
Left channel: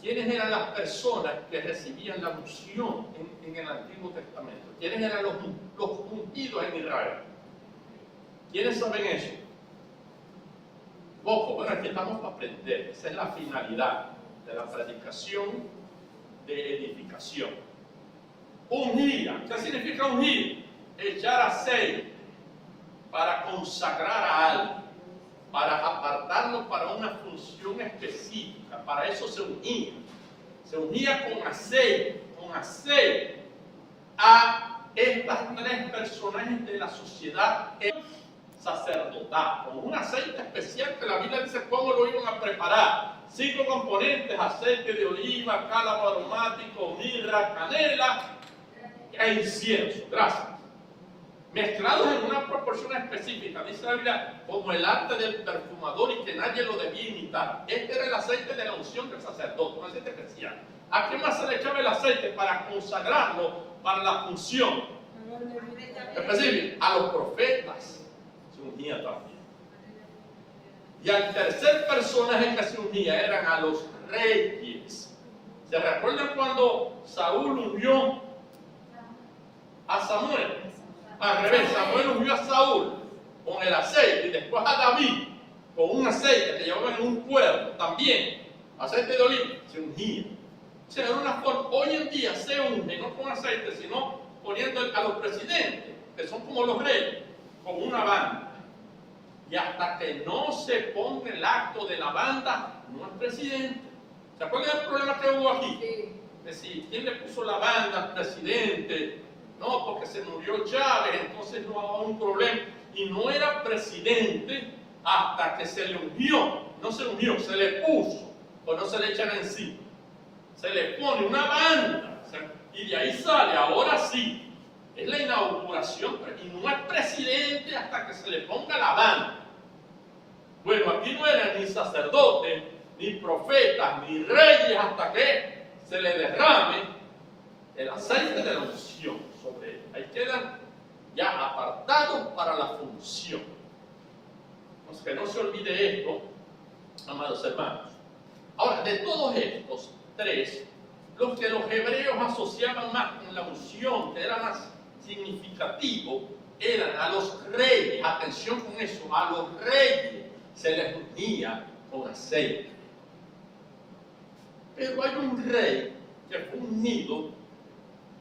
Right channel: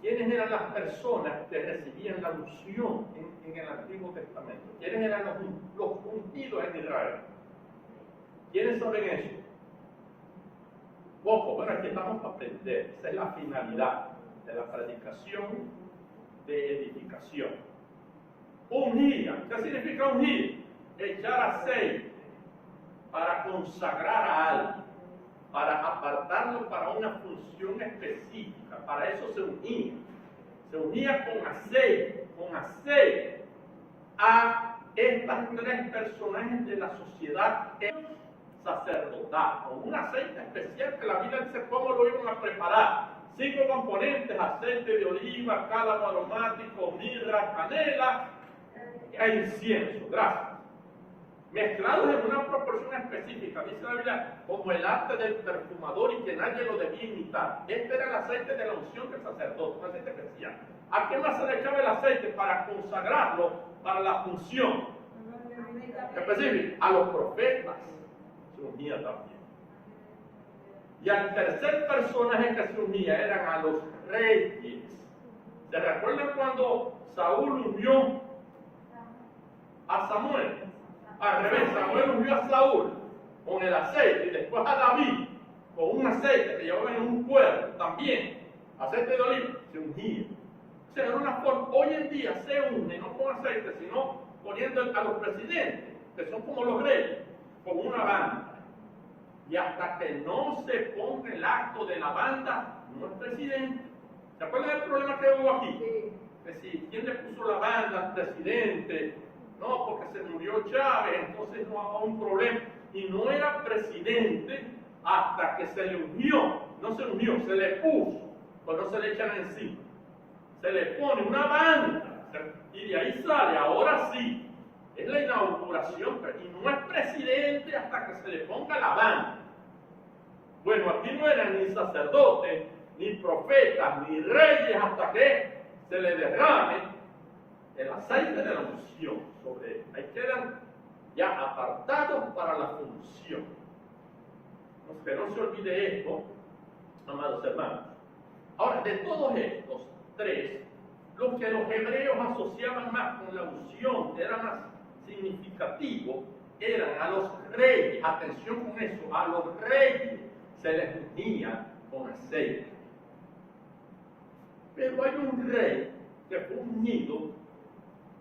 ¿Quiénes eran las personas que recibían la unción en el Antiguo Testamento? ¿Quiénes eran los ungidos en Israel? ¿Quiénes saben eso? Poco. Bueno, aquí estamos para aprender. Esa es la finalidad de la predicación de edificación. Ungir. ¿Qué significa ungir? Echar aceite para consagrar a alguien, para apartarlo para una función específica. Para eso se unía. Se unía con aceite a estas tres personajes de la sociedad sacerdotal, con un aceite especial que la Biblia dice cómo lo iban a preparar. 5 componentes: aceite de oliva, cálamo aromático, mirra, canela e incienso. Gracias. Mezclados en una proporción específica, dice la Biblia, como el arte del perfumador, y que nadie lo debía imitar. Este era el aceite de la unción del sacerdote, un aceite especial. ¿A qué más se le echaba el aceite? Para consagrarlo para la función específica. A los profetas se unía también. Y al tercer personaje que se unía eran a los reyes. ¿Se recuerdan cuando Saúl ungió a Samuel? Al revés, Samuel ungió a Saúl con el aceite, y después a David con un aceite que llevaba en un cuerno también, aceite de oliva. Se ungía. O sea, era una forma. Hoy en día se unge no con aceite, sino poniendo a los presidentes, que son como los reyes, con una banda. Y hasta que no se ponga el acto de la banda, no es presidente. ¿Se acuerdan del problema que hubo aquí? Sí. Que si, ¿quién le puso la banda al presidente? No, porque se murió Chávez, entonces no había un problema. Y no era presidente hasta que se le ungió. No se ungió, se le puso. O no se le echan encima. Se le pone una banda. Y de ahí sale, ahora sí. Es la inauguración, y no es presidente hasta que se le ponga la banda. Bueno, aquí no eran ni sacerdotes, ni profetas, ni reyes, hasta que se le derrame el aceite de la unción sobre él. Ahí quedan ya apartados para la función. Pues que no se olvide esto, amados hermanos. Ahora, de todos estos tres, los que los hebreos asociaban más con la unción, que era más significativo, eran a los reyes. Atención con eso, a los reyes se les ungía con aceite. Pero hay un rey que fue ungido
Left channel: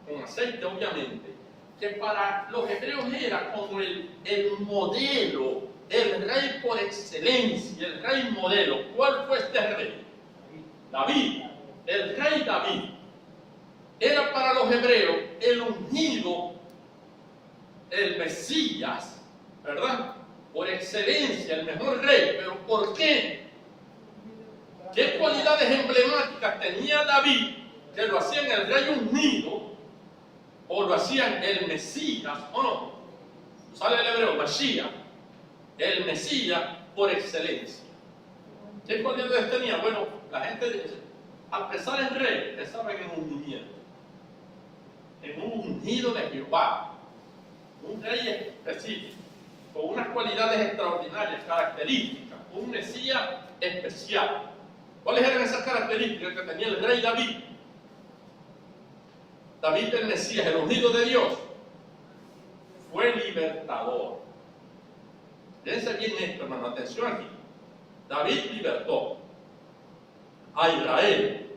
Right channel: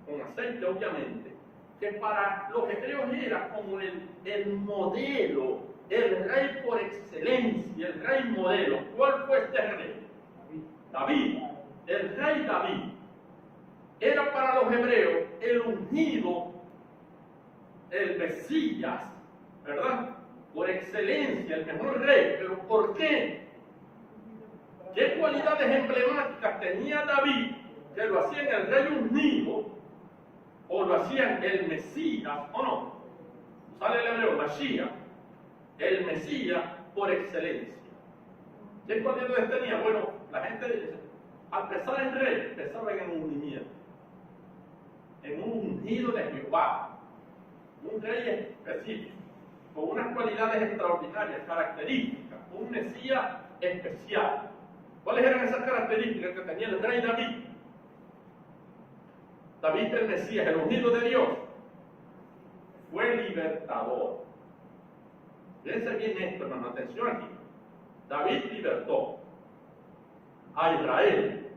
con aceite, obviamente, que para los hebreos era como el modelo, el rey por excelencia, el rey modelo. ¿Cuál fue este rey? David, el rey David. Era para los hebreos el ungido, el Mesías, ¿verdad? Por excelencia, el mejor rey. ¿Pero por qué? ¿Qué cualidades emblemáticas tenía David que lo hacían el rey ungido o lo hacían el Mesías o no? Sale el hebreo, Mashiach, el Mesías por excelencia. ¿Qué cualidades tenía? Bueno, la gente, al pensar en rey, pensaba en un ungimiento, en un ungido de Jehová. Un rey específico, con unas cualidades extraordinarias, características, un Mesías especial. ¿Cuáles eran esas características que tenía el rey David? David el Mesías, el ungido de Dios, fue libertador. Fíjense bien esto, hermano, atención aquí. David libertó a Israel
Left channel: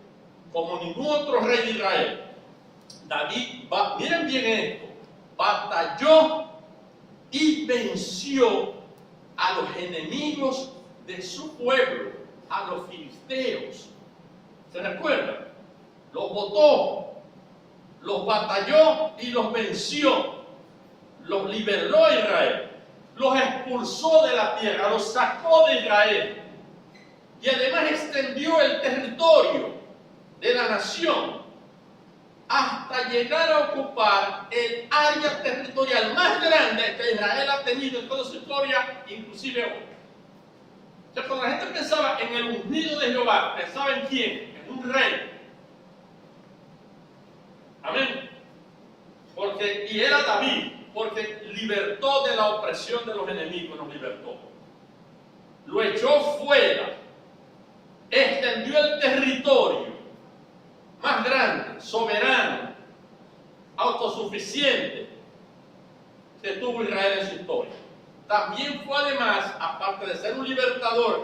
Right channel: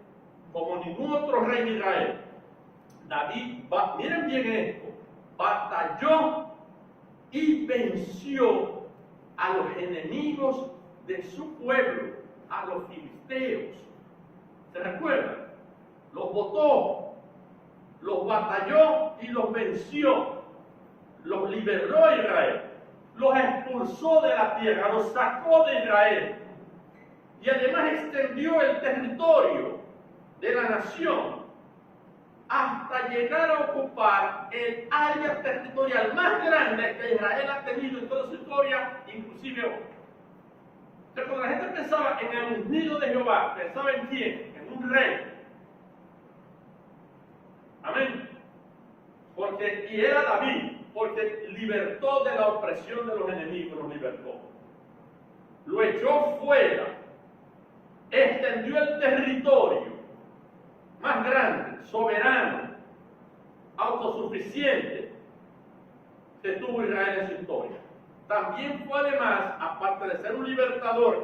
como ningún otro rey de Israel. David, miren bien esto, batalló y venció a los enemigos de su pueblo, a los filisteos. ¿Se recuerdan? Los botó, los batalló y los venció. Los liberó a Israel, los expulsó de la tierra, los sacó de Israel. Y además extendió el territorio de la nación hasta llegar a ocupar el área territorial más grande que Israel ha tenido en toda su historia, inclusive hoy. O sea, cuando la gente pensaba en el ungido de Jehová, pensaba en quién, en un rey. Amén. Y era David, porque libertó de la opresión de los enemigos, los libertó. Lo echó fuera, extendió el territorio más grande, soberano, autosuficiente que tuvo Israel en su historia. También fue además, aparte de ser un libertador,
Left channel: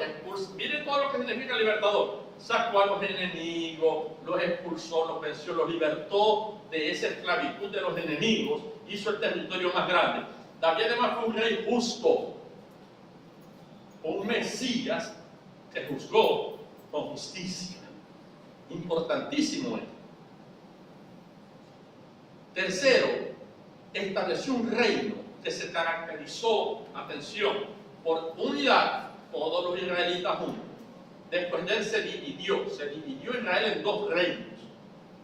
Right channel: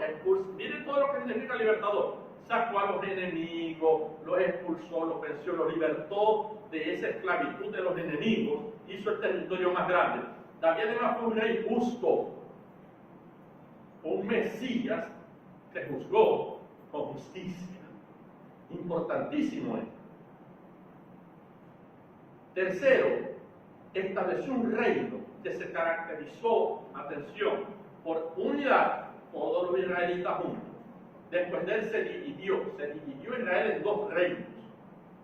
miren todo lo que significa libertador. Sacó a los enemigos, los expulsó, los venció, los libertó de esa esclavitud de los enemigos, hizo el territorio más grande. David además fue un rey justo, un Mesías que juzgó con justicia. Importantísimo esto. Tercero, estableció un reino que se caracterizó, atención, por unidad, todos los israelitas juntos. Después de él se dividió Israel en dos reinos.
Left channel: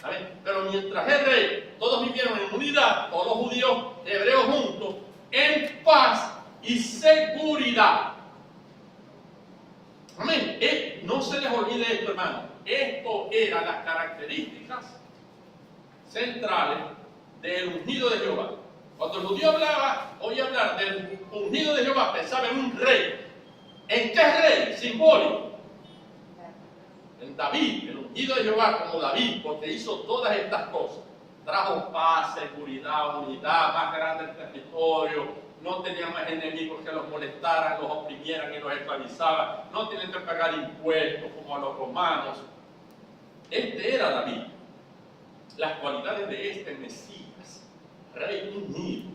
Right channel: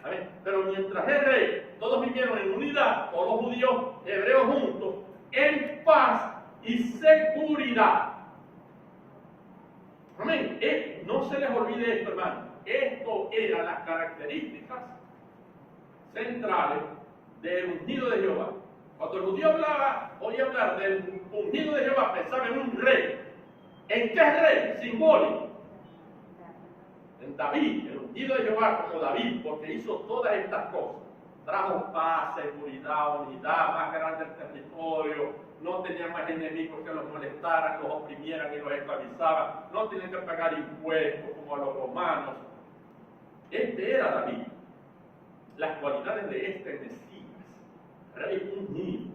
¿Amén? Pero mientras el rey, todos vivieron en unidad, todos los judíos, hebreos juntos, en paz y seguridad. Amén. No se les olvide esto, hermano. Esto eran las características centrales del ungido de Jehová. Cuando el judío oía hablar del ungido de Jehová, pensaba en un rey. ¿En qué rey? Simbólico. En David, el ungido de Jehová como David, porque hizo todas estas cosas. Trajo paz, seguridad, unidad, más grande el territorio, no tenían más enemigos que los molestaran, los oprimieran y los esclavizaban, no tenían que pagar impuestos como a los romanos. Este era David. Las cualidades de este Mesías, rey ungido.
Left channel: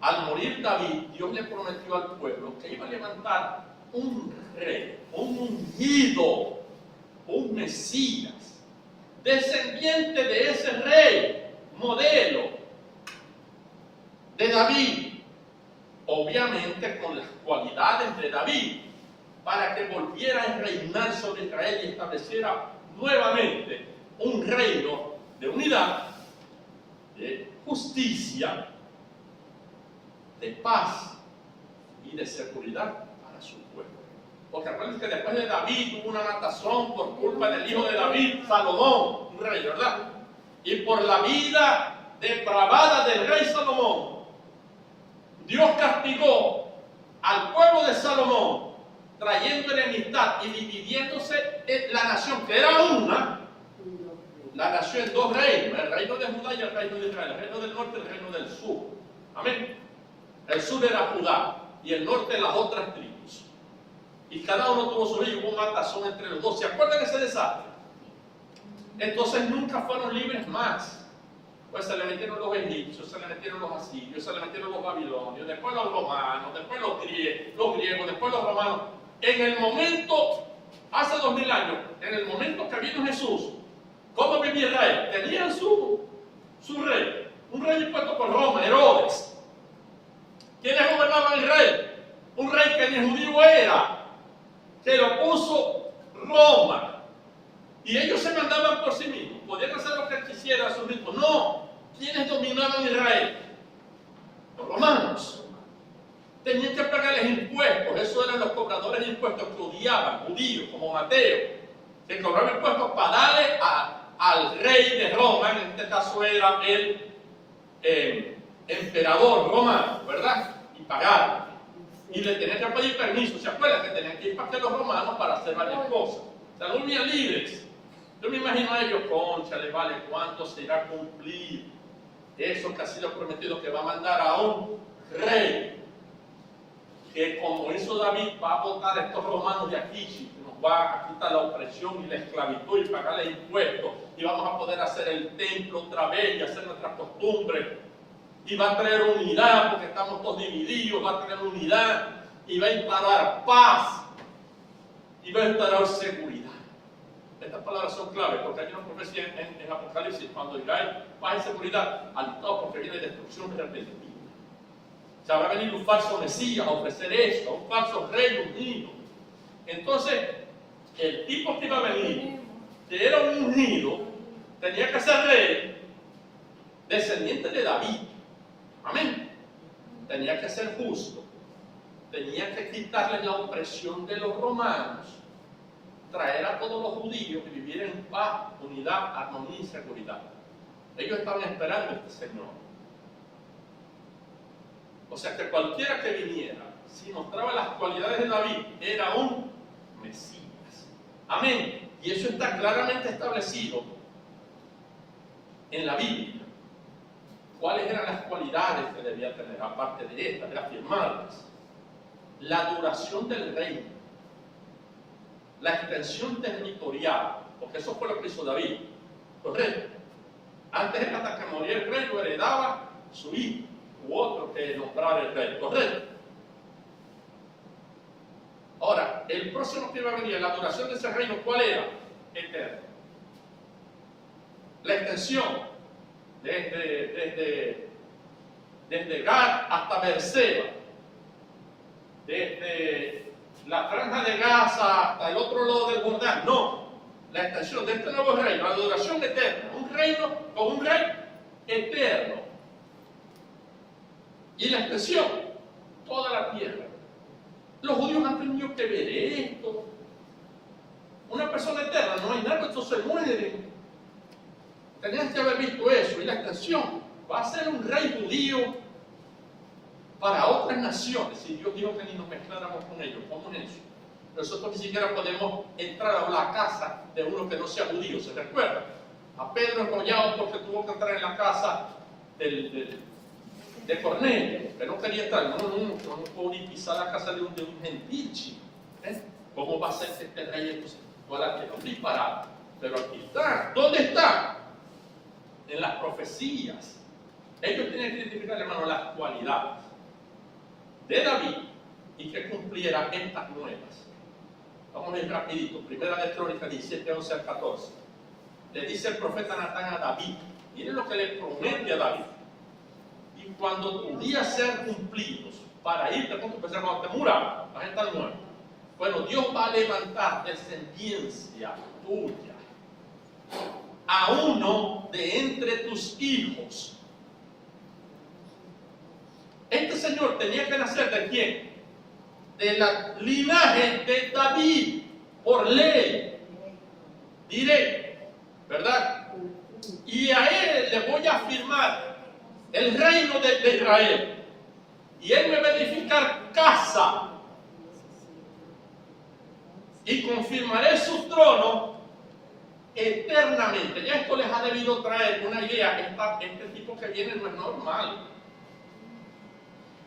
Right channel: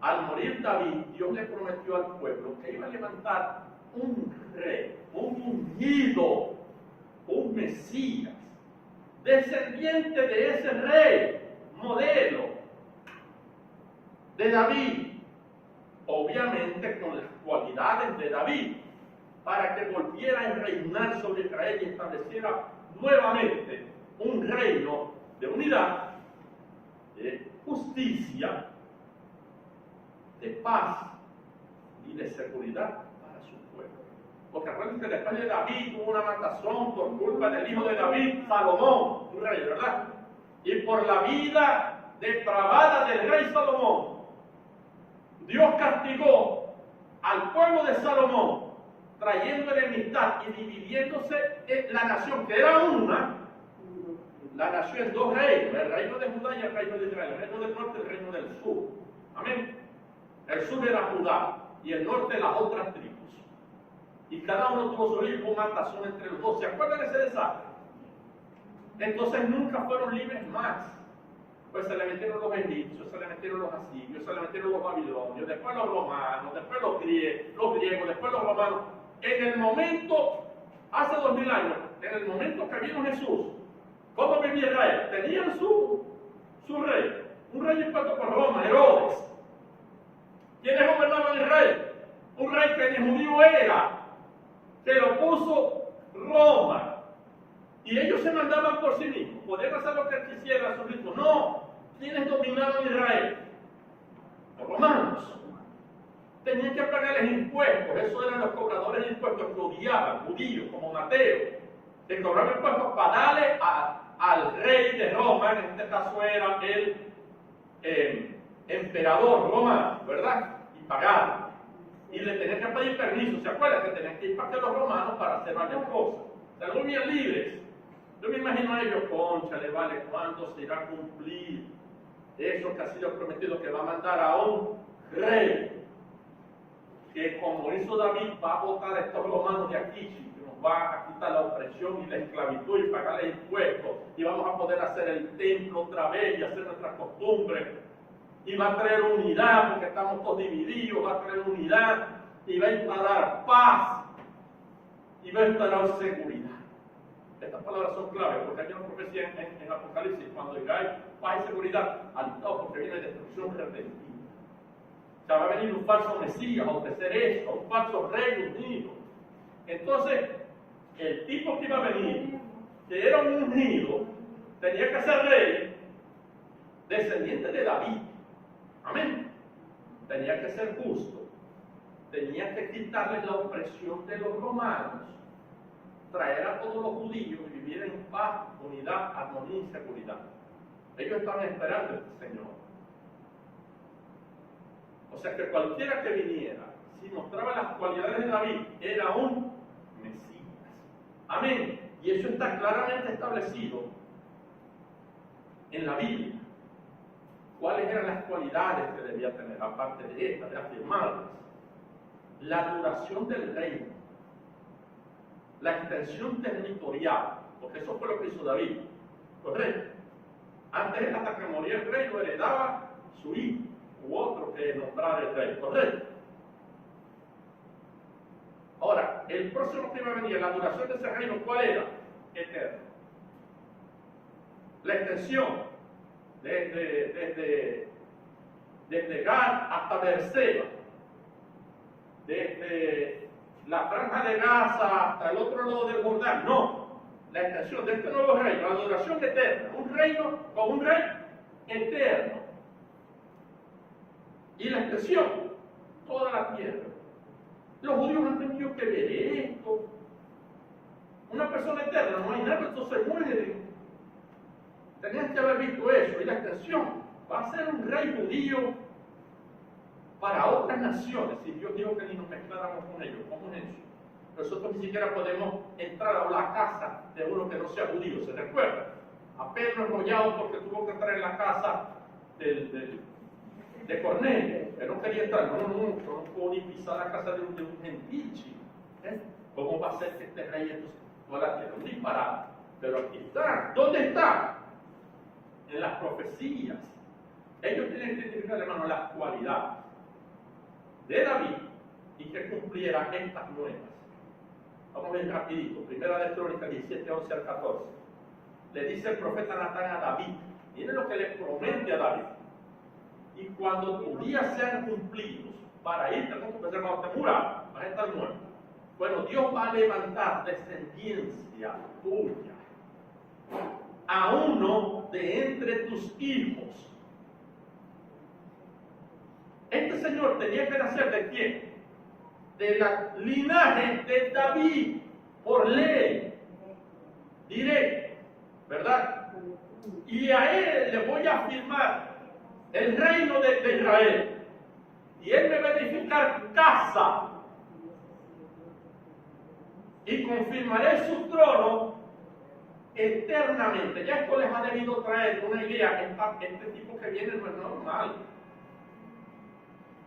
Al morir David, Dios le prometió al pueblo que iba a levantar un rey, un ungido, un Mesías, descendiente de ese rey, modelo de David, obviamente con las cualidades de David, para que volviera a reinar sobre Israel y estableciera nuevamente un reino de unidad, de justicia, de paz y de seguridad para su pueblo. Porque recuerden que después de David hubo una matazón por culpa del hijo de David, Salomón, un rey, ¿verdad? Y por la vida depravada del rey Salomón, Dios castigó al pueblo de Salomón, trayendo enemistad y dividiéndose la nación, que era una, la nación en dos reinos, el reino de Judá y el reino de Israel, el reino del norte y el reino del sur. Amén. El sur era Judá y el norte las otras tribus. Y cada uno tuvo su rey, hubo matazón entre los dos. ¿Se acuerdan de ese desastre? Entonces nunca fueron libres más. Pues se le metieron los egipcios, se le metieron los asirios, se le metieron los babilonios, después los romanos, después los griegos, después los romanos. En el momento, hace 2000 años, en el momento que vino Jesús, ¿cómo vivía Israel? Tenían su rey, un rey impuesto por Roma, Herodes. ¿Quiénes gobernaban Israel? Un rey que ni judío era, que lo puso Roma. Y ellos se mandaban por sí mismos, podían hacer lo que quisieran a su ritmo. No, ¿quiénes dominaban Israel? Los romanos. Tenían que pagarles impuestos, esos eran los cobradores de impuestos que odiaban, judíos, como Mateo, que cobraban impuestos para darle al rey de Roma, en este caso era el emperador romano, ¿verdad? Y pagar. Y le tenían que pedir permiso. ¿Se acuerdan que tenían que ir para que los romanos para hacer varias cosas? O sea, no vivían libres. Yo me imagino a ellos, concha, le vale cuánto se irá a cumplir eso que ha sido prometido, que va a mandar a un rey que, como hizo David, va a botar a estos romanos de aquí, que nos va a quitar la opresión y la esclavitud y pagarle impuestos, y vamos a poder hacer el templo otra vez y hacer nuestras costumbres, y va a traer unidad porque estamos todos divididos, va a traer unidad y va a instalar paz y va a instalar seguridad. Estas palabras son claves porque hay una profecía en Apocalipsis cuando dirá paz y seguridad alistados porque viene destrucción repentina. O sea, va a venir un falso Mesías a ofrecer esto, un falso rey ungido. Entonces, el tipo que iba a venir, que era un ungido, tenía que ser rey, descendiente de David. Amén. Tenía que ser justo. Tenía que quitarle la opresión de los romanos, traer a todos los judíos y vivir en paz, unidad, armonía y seguridad. Ellos estaban esperando a este Señor. O sea que cualquiera que viniera, si mostraba las cualidades de David, era un Mesías. Amén. Y eso está claramente establecido en la Biblia. ¿Cuáles eran las cualidades que debía tener, aparte de estas, de afirmarlas? La duración del reino, la extensión territorial, porque eso fue lo que hizo David. Los reyes, antes hasta que moría el rey, lo heredaba su hijo, u otro que nombrar el rey, ¿correcto? Ahora, el próximo que iba a venir, la duración de ese reino, ¿cuál era? Eterno. La extensión desde Gad hasta Beerseba, desde la franja de Gaza hasta el otro lado del Jordán, no. La extensión de este nuevo reino, la duración eterna, un reino con un rey eterno. Y la extensión, toda la tierra. Los judíos han tenido que ver esto. Una persona eterna, no hay nada, estos se mueren. Tenían que haber visto eso. Y la extensión va a ser un rey judío para otras naciones. Y Dios dijo que ni nos mezcláramos con ellos. ¿Cómo es eso? Nosotros ni siquiera podemos entrar a la casa de uno que no sea judío. ¿Se recuerda? A Pedro enrollado porque tuvo que entrar en la casa de Cornelio. Él no quería entrar. No puedo ni pisar la casa de un gentil chico. ¿Cómo va a ser este rey entonces? Toda la tierra, un disparate. Pero aquí está. ¿Dónde está? En las profecías. Ellos tienen que identificar, hermano, las cualidades de David y que cumpliera estas nuevas. Vamos a ir rapidito. Primera de Crónicas 17, 11 al 14. Le dice el profeta Natán a David. Miren lo que le promete a David. Y cuando tus días sean cumplidos para irte con tu persona, cuando te muras, vas a estar muerto. Bueno, Dios va a levantar descendencia tuya a uno de entre tus hijos. Este señor tenía que nacer ¿de quién? De la linaje de David, por ley, directo, ¿verdad? Y a él le voy a firmar el reino de Israel. Y él me va a edificar casa. Y confirmaré su trono eternamente. Ya esto les ha debido traer una idea. Este tipo que viene no es normal.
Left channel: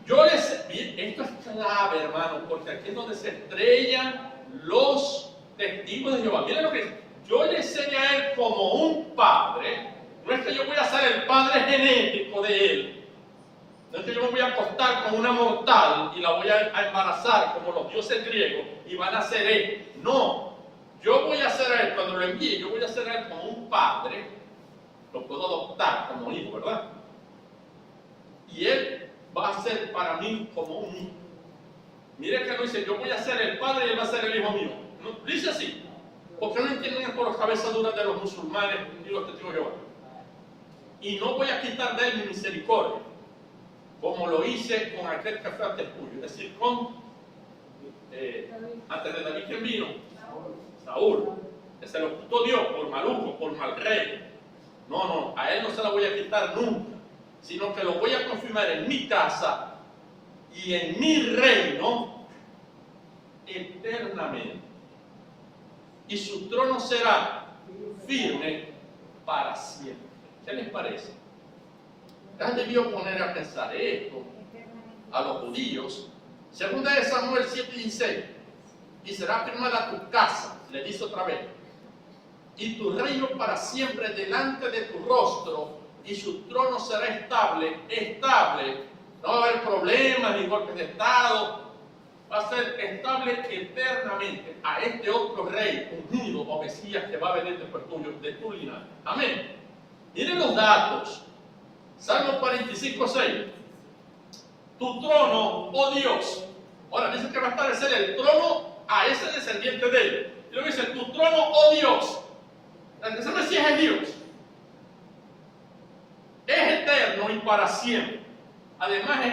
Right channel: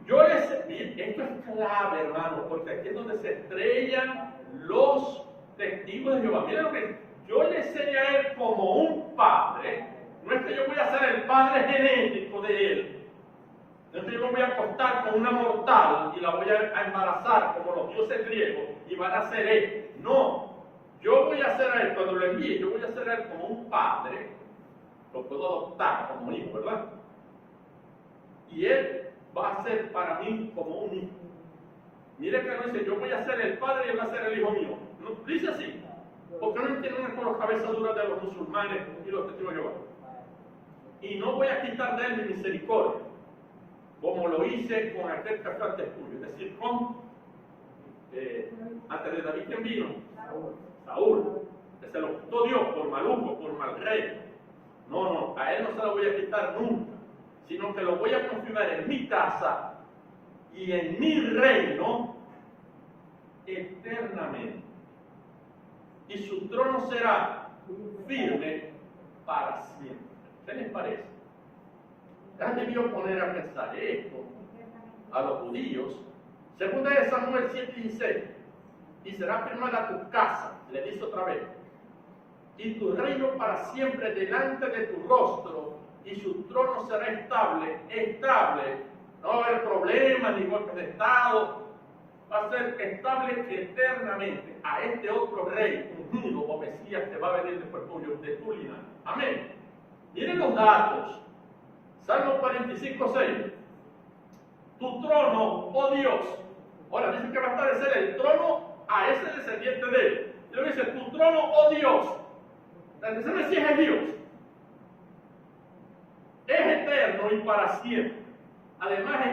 Esto es clave, hermano, porque aquí es donde se estrellan los testigos de Jehová. Miren lo que dice. Yo le enseño a él como un padre. No es que yo voy a ser el padre genético de él. No es que yo me voy a acostar con una mortal y la voy a embarazar como los dioses griegos y van a ser él. No. Yo voy a hacer a él, cuando lo envíe, yo voy a hacer a él como un padre. Lo puedo adoptar como hijo, ¿verdad? Y él va a ser para mí como un hijo. Mire que no dice, yo voy a ser el padre y él va a ser el hijo mío. No, dice así. Porque no entienden por las cabezas duras de los musulmanes y los testigos de Jehová. Y no voy a quitar de él mi misericordia, como lo hice con aquel que fue antes tuyo. Es decir, antes de David, ¿quién vino? Saúl. Que se lo quitó Dios por maluco, por mal rey. No, a él no se lo voy a quitar nunca, sino que lo voy a confirmar en mi casa y en mi reino eternamente. Y su trono será firme para siempre. ¿Qué les parece? Han debido poner a pensar esto a los judíos. Segunda de Samuel 7:16. Y será firmada tu casa, le dice otra vez, y tu reino para siempre delante de tu rostro, y su trono será estable. No va a haber problemas ni golpes de estado. Va a ser estable eternamente a este otro rey ungido o Mesías que va a venir después tuyo, de tu linaje. Amén. Miren los datos. Salmo 45:6. Tu trono, oh Dios. Ahora dice que va a establecer el trono a ese descendiente de él. Y luego dice, tu trono, oh Dios. El tercer Mesías es Dios. Es eterno y para siempre. Además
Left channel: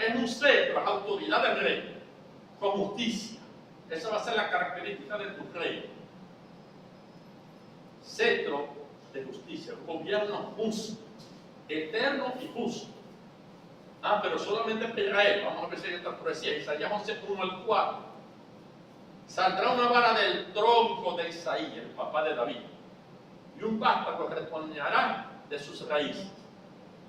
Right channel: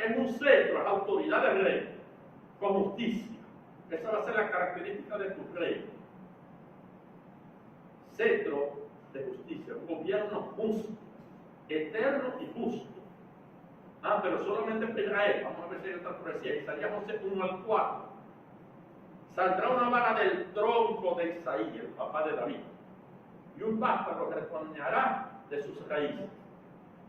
es un cetro, la autoridad del rey, con justicia. Esa va a ser la característica de tu rey. Cetro de justicia, un gobierno justo, eterno y justo. Pero solamente para Israel. Vamos a ver si hay otra profecía. Isaías 11:1-4. Saldrá una vara del tronco de Isaí, el papá de David, y un vástago retoñará de sus raíces.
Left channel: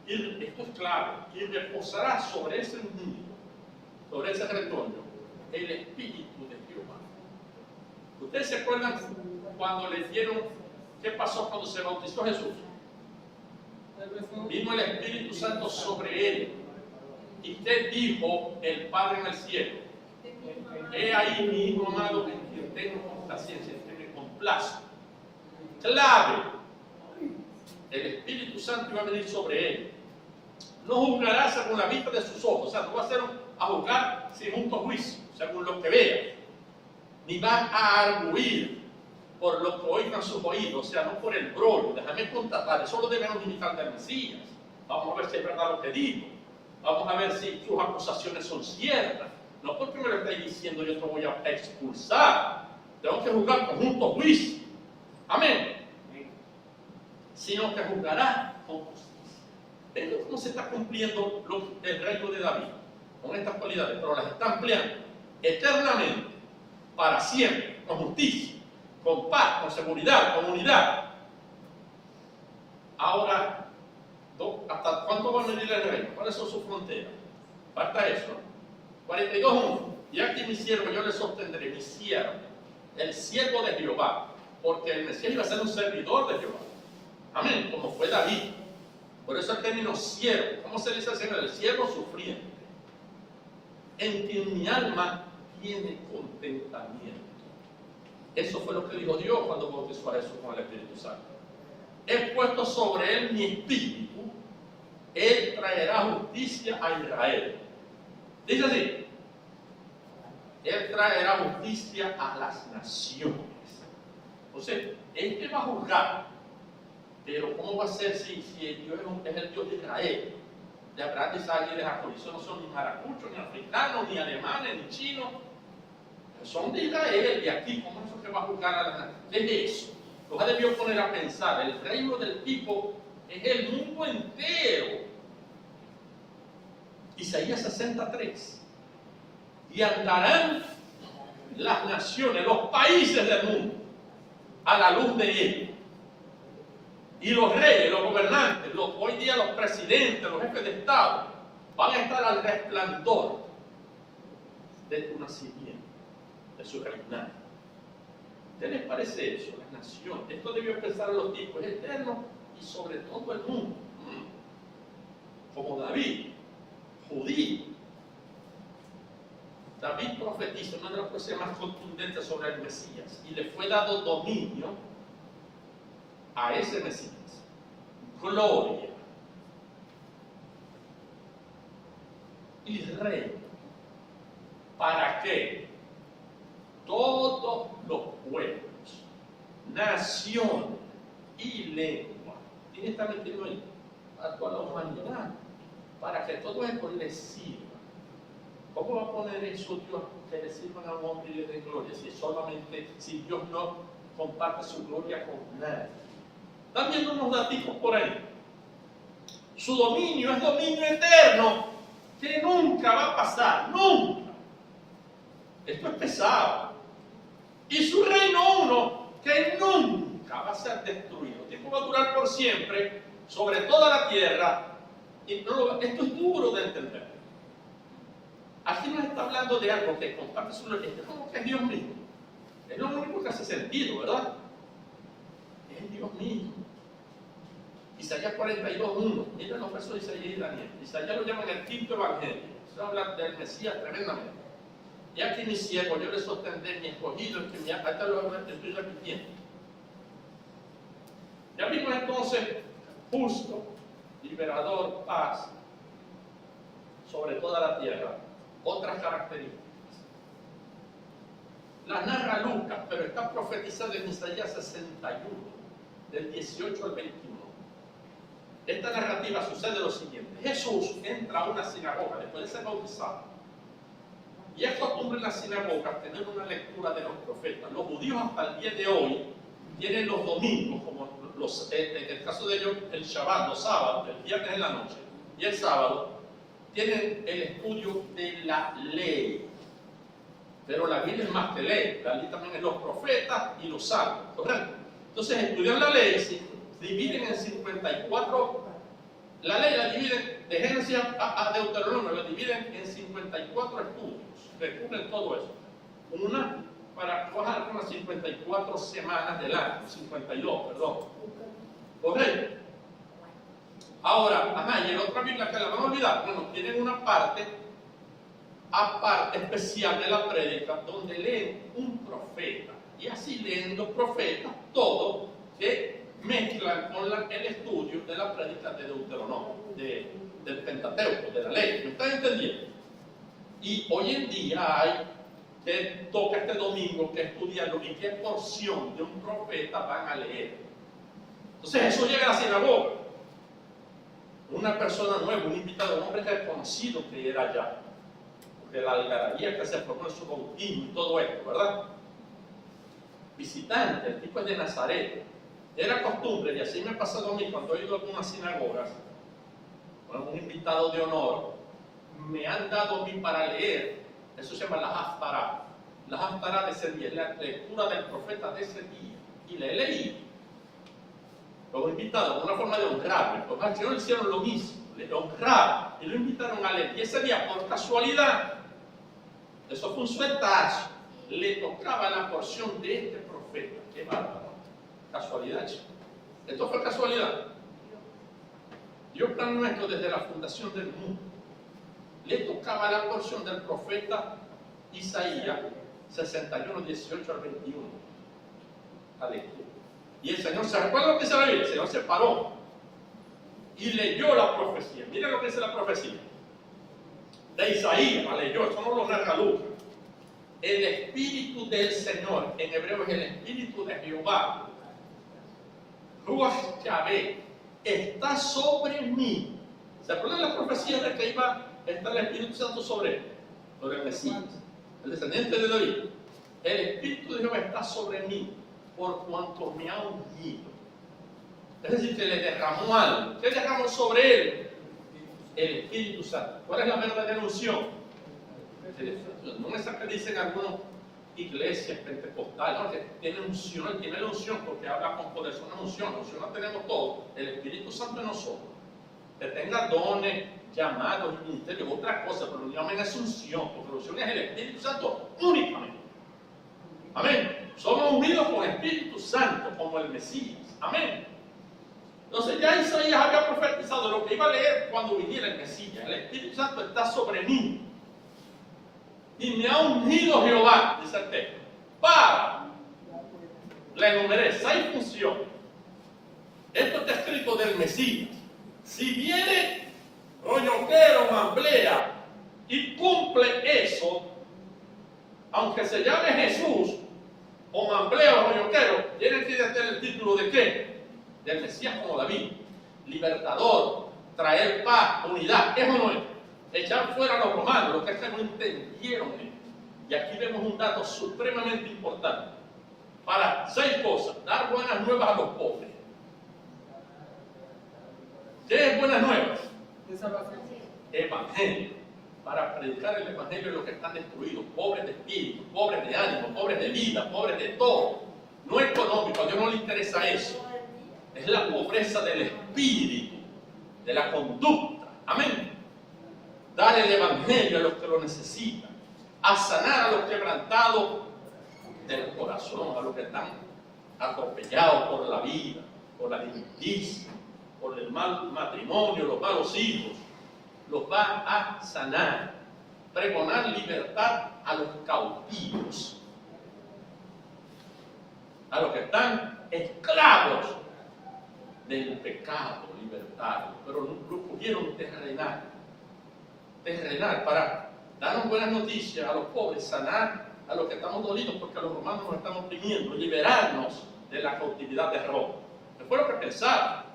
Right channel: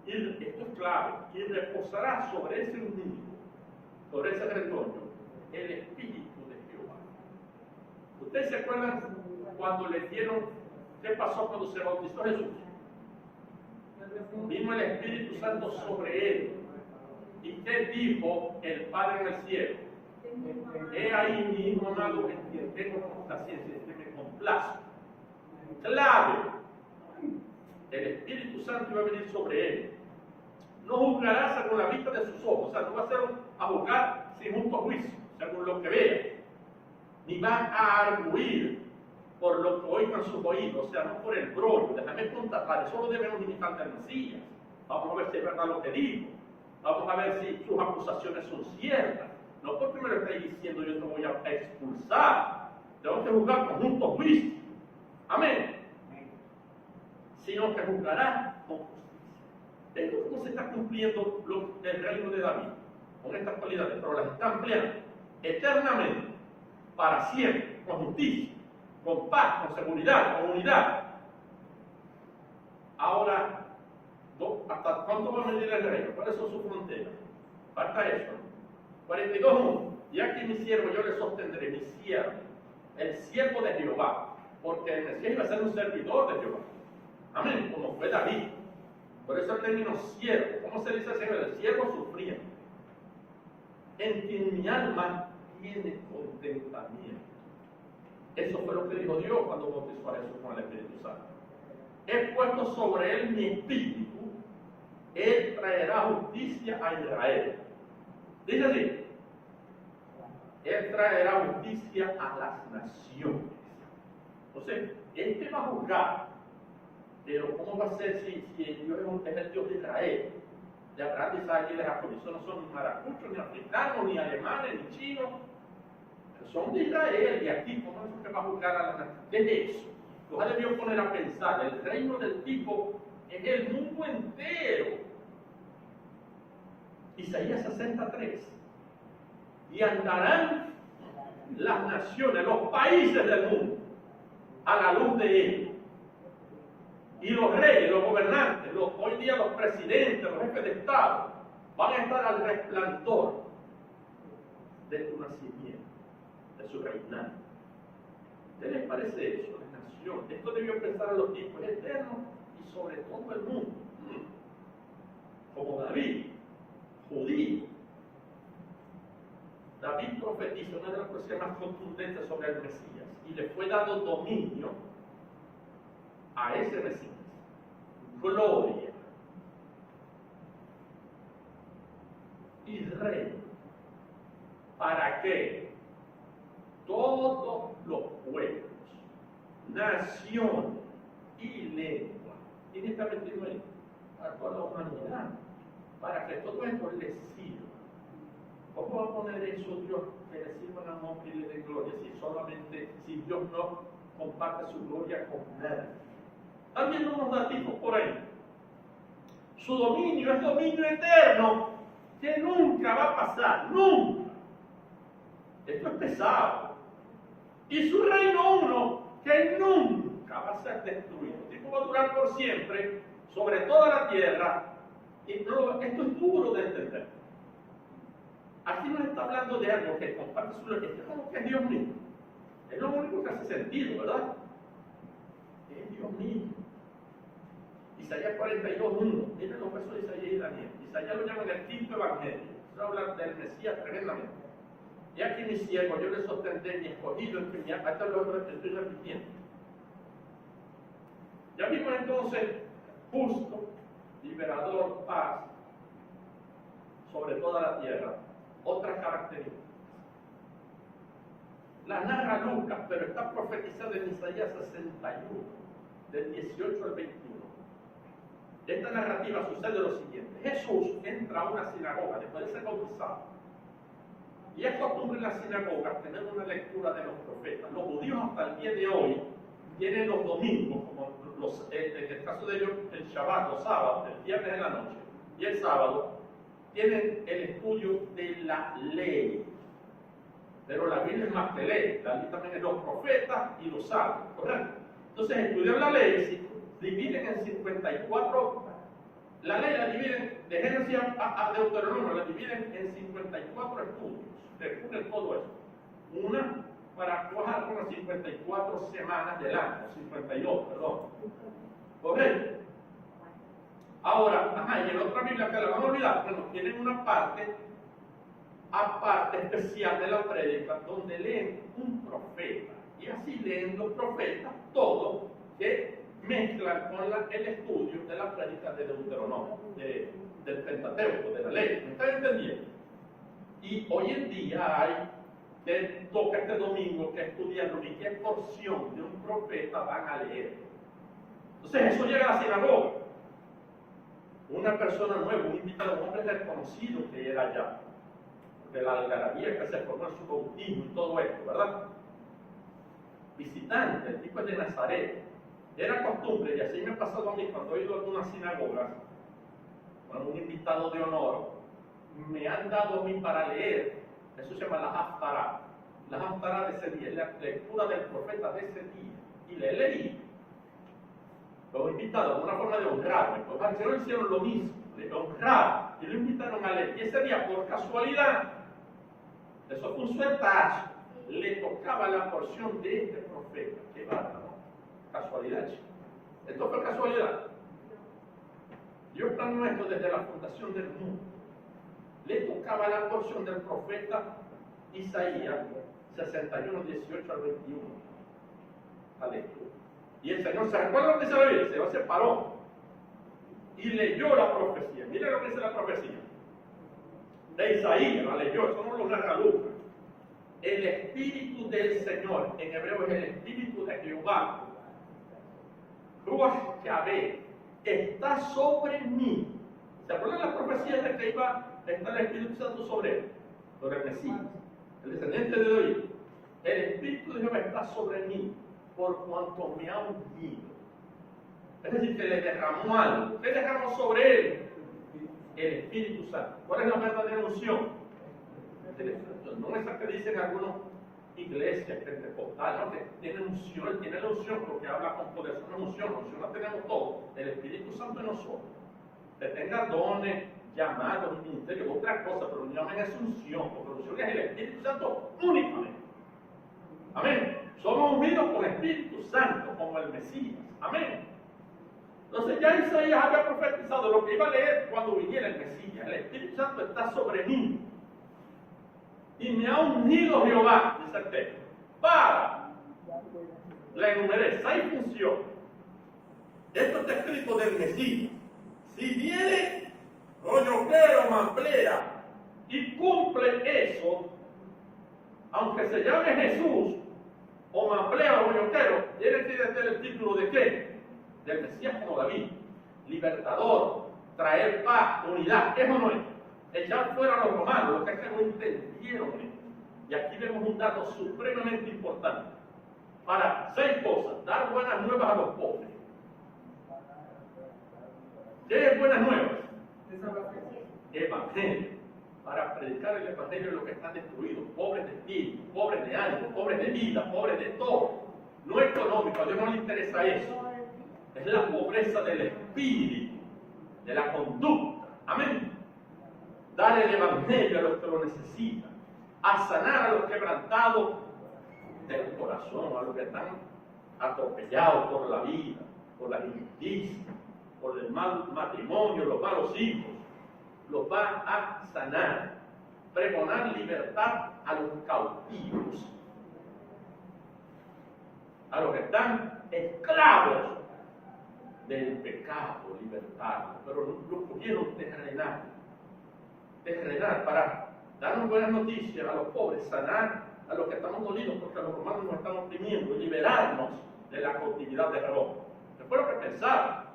Y esto es clave. Y reposará sobre ese ungido, sobre ese retoño, el Espíritu de Jehová. ¿Ustedes se acuerdan cuando le dieron qué pasó cuando se bautizó Jesús? Vino el Espíritu Santo sobre él. ¿Y qué dijo el Padre en el cielo? He ahí mi hijo amado en quien tengo complacencia, en quien me complazco. Clave. El Espíritu Santo iba a venir sobre él. No juzgará según la vista de sus ojos, o sea, no va a ser a juzgar sin justo juicio, según lo que vea, ni van a arguir por lo que oigan sus oídos, o sea, no por el brollo. Déjame constatar, eso lo debemos imitar del Mesías. Vamos a ver si es verdad lo que digo. Vamos a ver si sus acusaciones son ciertas. No porque me lo estáis diciendo yo te voy a expulsar. Tengo que juzgar con justo juicio. Amén. Sino que juzgará con justicia. ¿Ven cómo se está cumpliendo el reino de David? Con estas cualidades, pero las está empleando eternamente, para siempre, con justicia, con paz, con seguridad, con unidad. Ahora, ¿hasta cuánto va a medir el reino? ¿Cuáles son sus fronteras? Falta eso. 42:1. Y aquí mi siervo, yo le sostendré, mi siervo, el siervo de Jehová, porque el Mesías iba a ser un servidor de Jehová. Amén, como fue David. Por eso el término siervo. ¿Cómo se dice Señor? El siervo sufriente, en quien mi alma tiene contentamiento. Eso fue lo que dijo Dios cuando bautizó a Jesús con el Espíritu Santo. He puesto sobre él mi espíritu, él traerá justicia a Israel. Dice así, él traerá justicia a las naciones. Entonces, él va a juzgar. Pero ¿cómo va a ser si Dios es el Dios de Israel? De Abraham, de Isaac y de Jacob. Eso no son ni maracuchos, ni africanos, ni alemanes, ni chinos. Son de Israel. Y aquí, ¿cómo es eso que va a juzgar a las naciones? Desde eso, los ha debido poner a pensar. El reino del tipo es el mundo entero. Isaías 63. Y andarán las naciones, los países del mundo, a la luz de él. Y los reyes, los gobernantes, hoy día los presidentes, los jefes de Estado, van a estar al resplandor de tu nacimiento, de su reinado. ¿Qué les parece eso? La nación. Esto debió empezar a los tiempos eternos y sobre todo el mundo. Como David, judío. David profetiza una de las profecías más contundentes sobre el Mesías y le fue dado dominio a ese Mesías. Gloria y reino. ¿Para qué? Todos los pueblos, naciones y lenguas. ¿Quién está metido ahí? A toda la humanidad. Para que todo esto le sirva. ¿Cómo va a poner eso Dios? Que le sirvan a un hombre y le dé gloria. Si Dios no comparte su gloria con nadie. Están viendo unos datos por ahí. Su dominio es dominio eterno que nunca va a pasar, nunca. Esto es pesado. Y su reino uno que nunca va a ser destruido. Esto va a durar por siempre sobre toda la tierra. Y esto es duro de entender. Aquí nos está hablando de algo que comparte su gloria. Esto es como que es Dios mismo. Es lo único que hace sentido, ¿verdad? Es Dios mismo. Isaías 42:1. Miren los versos de Isaías y Daniel. Isaías lo llaman el quinto evangelio. Eso habla del Mesías tremendamente. Y aquí mi siervo, yo le sostendré, mi escogido, el que me hasta lo estoy repitiendo. Ya vimos entonces justo, liberador, paz, sobre toda la tierra. Otras características. Las narra Lucas, pero está profetizado en Isaías 61, del 18 al 21. Esta narrativa sucede lo siguiente. Jesús entra a una sinagoga después de ser bautizado. Y es costumbre en las sinagogas tener una lectura de los profetas. Los judíos hasta el día de hoy tienen los domingos, como en el caso de ellos, el Shabbat, los sábados, el viernes en la noche y el sábado, tienen el estudio de la ley. Pero la Biblia es más que ley. La ley también es los profetas y los salmos, ¿correcto? Entonces estudian la ley, se dividen en 54. La ley la dividen de Génesis a Deuteronomio, la dividen en 54 estudios que cubren todo eso. Una para trabajar con las 54 semanas del año, 52, perdón. ¿Correcto? Ahora, y en la otra Biblia que la van a olvidar, bueno, tienen una parte aparte especial de la prédica donde leen un profeta. Y así leen los profetas todo que mezclan con el estudio de la prédica de Deuteronomio, del Pentateuco, de la ley. ¿Me están entendiendo? Y hoy en día hay que toca este domingo que estudiarlo y qué porción de un profeta van a leer. Entonces eso llega a la sinagoga. Una persona nueva, un invitado, un hombre desconocido que era allá, de la algarabía que se formó en su bautismo y todo esto, ¿verdad? Visitante, el tipo es de Nazaret. Era costumbre, y así me ha pasado a mí cuando he ido a algunas sinagogas, con un invitado de honor, me han dado a mí para leer, eso se llama la Haftará. La Haftará de ese día, la lectura del profeta de ese día. Y le leí. Los invitados, una forma de honrarme. Los maestros hicieron lo mismo, le honraron y lo invitaron a leer. Y ese día, por casualidad, eso fue un sueltazo, le tocaba la porción de este profeta. Qué bárbaro. Casualidad, chicos. Esto fue casualidad. Dios planeó esto desde la fundación del mundo. Le tocaba la porción del profeta Isaías 61, 18 al 21. La lectura. Y el Señor, ¿se recuerda lo que dice la Biblia? El Señor se paró y leyó la profecía. Mira lo que dice la profecía de Isaías, la leyó, eso no lo narra Lucas. El Espíritu del Señor, en hebreo es el Espíritu de Jehová, Ruach Yahvé, está sobre mí. ¿Se acuerdan las profecías de que iba a estar el Espíritu Santo sobre él? Sobre el Mesías, el descendiente de David. El Espíritu de Jehová está sobre mí, por cuanto me ha ungido. Es decir, que le derramó algo. ¿Qué derramó sobre él? El Espíritu Santo. ¿Cuál es la verdadera unción? No es esa que dicen algunas iglesias pentecostales, no, que tiene unción, él tiene la unción porque habla con poder, es una unción, la unción la tenemos todos, el Espíritu Santo en nosotros. Que tenga dones, llamados y ministerios, otra cosa, pero no llamen esa unción, porque la unción es el Espíritu Santo únicamente. Amén. Somos unidos con el Espíritu Santo, como el Mesías. Amén. Entonces ya Isaías había profetizado lo que iba a leer cuando viniera el Mesías. El Espíritu Santo está sobre mí. Y me ha ungido Jehová, dice el texto, para, le enumeré 6 funciones. Esto está escrito del Mesías. Si viene roñoquero, mamblea, y cumple eso, aunque se llame Jesús, o mamblea o roñoquero, tiene que tener el título de ¿qué? Del Mesías como David. Libertador, traer paz, unidad. ¿Eso no es? Echar fuera a los romanos, los que no entendieron esto. Y aquí vemos un dato supremamente importante. Para 6 cosas: dar buenas nuevas a los pobres. ¿Qué es buenas nuevas? Evangelio. Para predicar el evangelio de los que están destruidos, pobres de espíritu, pobres de ánimo, pobres de vida, pobres de todo. No económico, a Dios no le interesa eso. Es la pobreza del espíritu, de la conducta. Amén. Dar el evangelio a los que lo necesitan, a sanar a los quebrantados del corazón, a los que están atropellados por la vida, por la injusticia, por el mal matrimonio, los malos hijos. Los va a sanar. Pregonar libertad a los cautivos, a los que están esclavos del pecado, libertad, pero lo pudieron terrenar para darnos buenas noticias a los pobres, sanar a los que estamos dolidos porque los romanos nos están oprimiendo y liberarnos de la cautividad de Roma. Que fue lo que pensaban,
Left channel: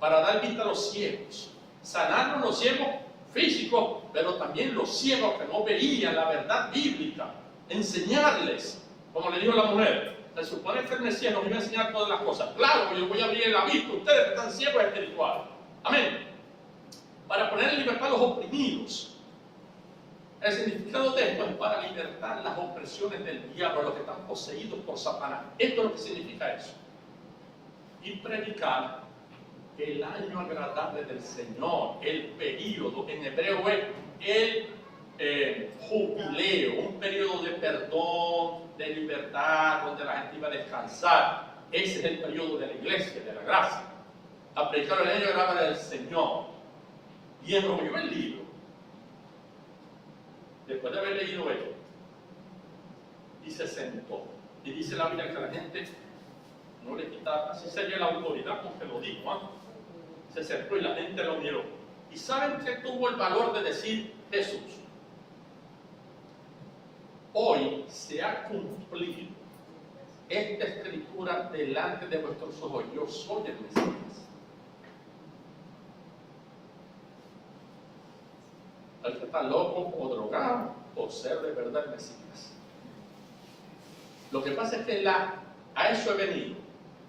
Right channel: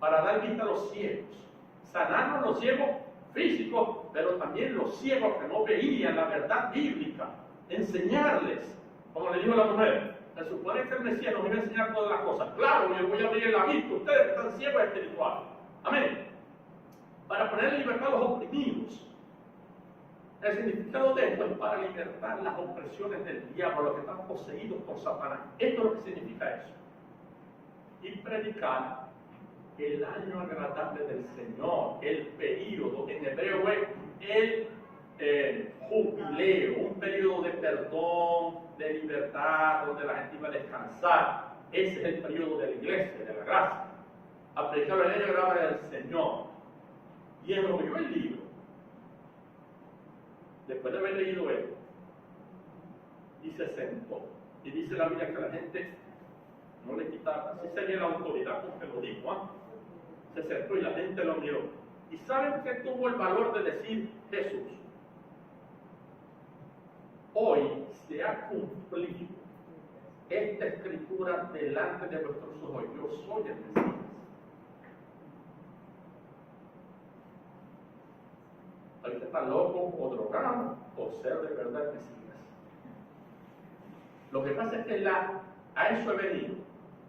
para dar vista a los ciegos, sanarnos los ciegos físicos, pero también los ciegos que no veían la verdad bíblica, enseñarles, como le dijo la mujer. Se supone que el Mesías nos iba a enseñar todas las cosas. Claro, yo voy a abrir la vista, ustedes que están ciegos espirituales. Amén. Para poner en libertad a los oprimidos. El significado de esto es para libertar las opresiones del diablo, los que están poseídos por Satanás. Esto es lo que significa eso. Y predicar el año agradable del Señor, el periodo, en hebreo es el jubileo, un periodo de perdón, de libertad, donde la gente iba a descansar. Ese es el periodo de la iglesia, de la gracia. a predicar el año de la palabra del Señor y enrolló el libro, después de haber leído esto, y se sentó. Y dice la Biblia que la gente no le quitaba, así se dio la autoridad con que lo dijo, ¿eh? Se sentó y la gente lo miró. ¿Y saben qué tuvo el valor de decir Jesús? Hoy se ha cumplido esta escritura delante de vuestros ojos. Yo soy el Mesías. Hay que estar loco o drogado o ser de verdad el Mesías. Lo que pasa es que a eso he venido,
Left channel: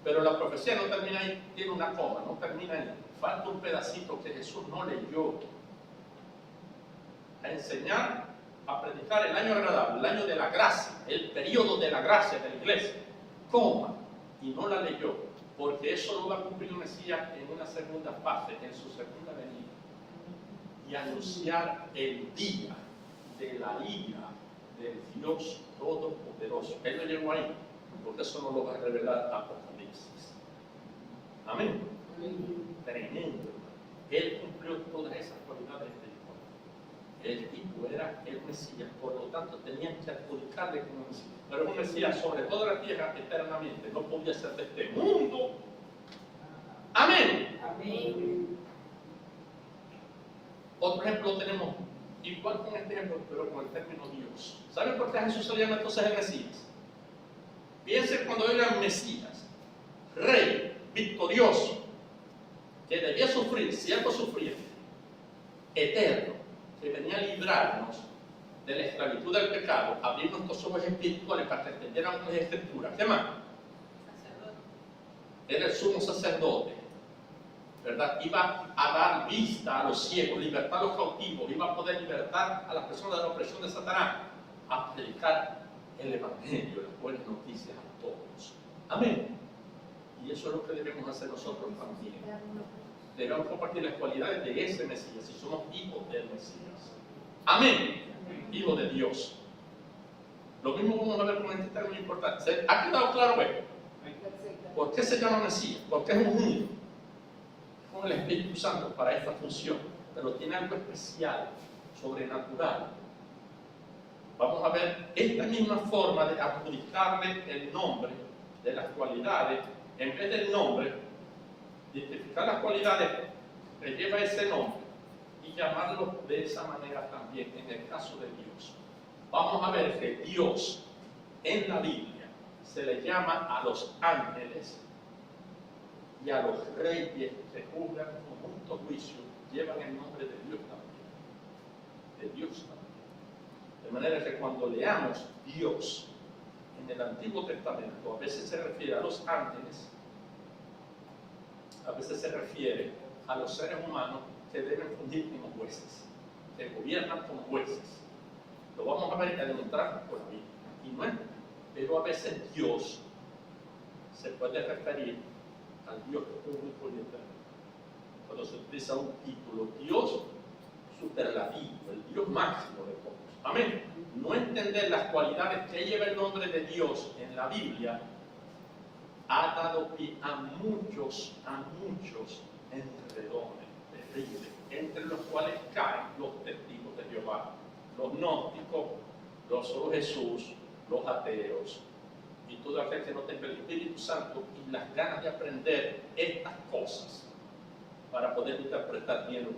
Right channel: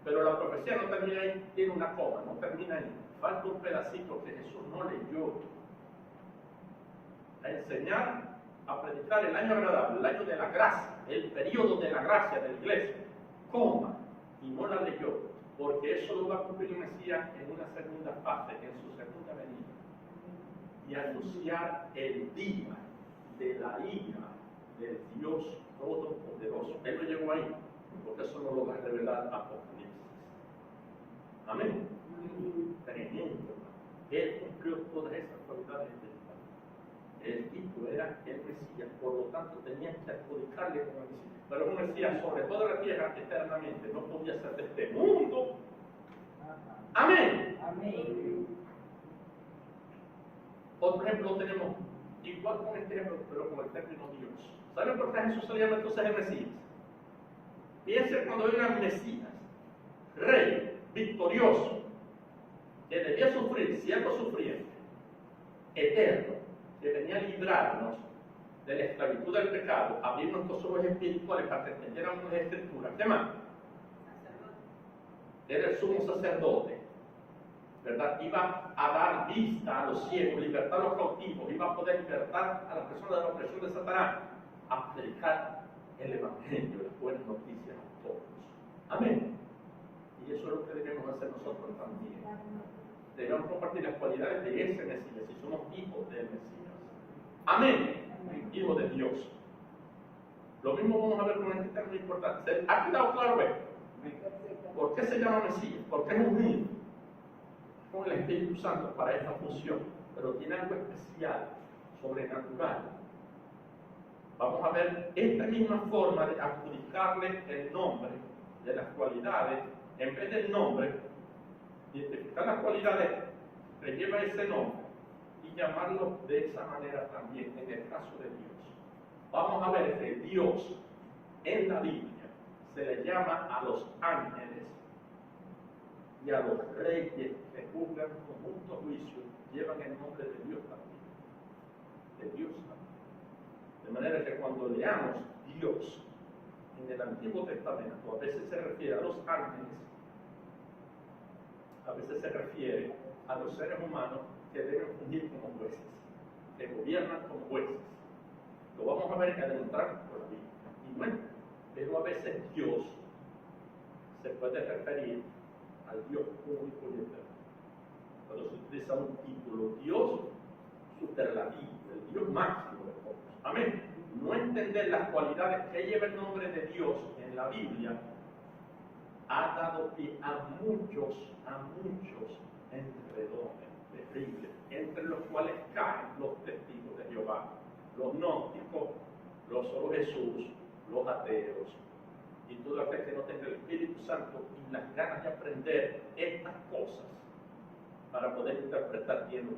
pero la profecía no termina ahí, tiene una coma, no termina ahí. Falta un pedacito que Jesús no leyó. A enseñar, a predicar el año agradable, el año de la gracia, el periodo de la gracia de la iglesia, coma, y no la leyó, porque eso lo va a cumplir el Mesías en una segunda fase, en su segunda venida, y anunciar el día de la ira del Dios Todopoderoso. Él no llegó ahí, porque eso no lo va a revelar Apocalipsis. Amén. Tremendo. Él cumplió todas esas cualidades del Padre. El tipo era el Mesías, por lo tanto tenían que adjudicarle como Mesías. Pero es un Mesías sobre toda la tierra eternamente, no podía ser de este mundo. Amén. Amén. Otro ejemplo tenemos, igual con este ejemplo, pero con el término Dios. ¿Saben por qué a Jesús se le llama entonces el Mesías? Piensen cuando digan Mesías, Rey, victorioso, que debía sufrir, siendo sufriente, eterno, que venía a librarnos de la esclavitud del pecado, abrir nuestros ojos espirituales para que entendieran las escrituras. ¿Qué más? Era el sumo sacerdote, ¿verdad? Iba a dar vista a los ciegos, libertar a los cautivos, iba a poder libertar a las personas de la opresión de Satanás, a predicar el Evangelio, las buenas noticias a todos. Amén. Y eso es lo que debemos hacer nosotros también. Debemos compartir las cualidades de ese Mesías, si somos hijos del Mesías. Amén. Hijos de Dios. Lo mismo vamos a ver con este término importante. ¿Ha quedado claro esto? ¿Por qué se llama Mesías? Porque es ungido con el Espíritu Santo para esta función, pero tiene algo especial, sobrenatural. Vamos a ver esta misma forma de adjudicarle el nombre de las cualidades, en vez del nombre, identificar las cualidades que lleva ese nombre y llamarlo de esa manera también en el caso de Dios. Vamos a ver que Dios en la Biblia se le llama a los ángeles y a los reyes que juzgan con justo juicio, llevan el nombre de Dios también. De Dios también. De manera que cuando leamos Dios en el Antiguo Testamento, a veces se refiere a los ángeles, a veces se refiere a los seres humanos que deben fungir como jueces, que gobiernan como jueces. Lo vamos a ver y a demostrar por la Biblia. Y no es, pero a veces Dios se puede referir al Dios único y eterno. Cuando se utiliza un título, Dios superlativo, el Dios máximo de todos. Amén. No entender las cualidades que lleva el nombre de Dios en la Biblia ha dado pie a muchos enredones terribles, entre los cuales caen los testigos de Jehová, los gnósticos, los solo Jesús, los ateos y todo aquel que no tenga el Espíritu Santo y las ganas de aprender estas cosas para poder interpretar bien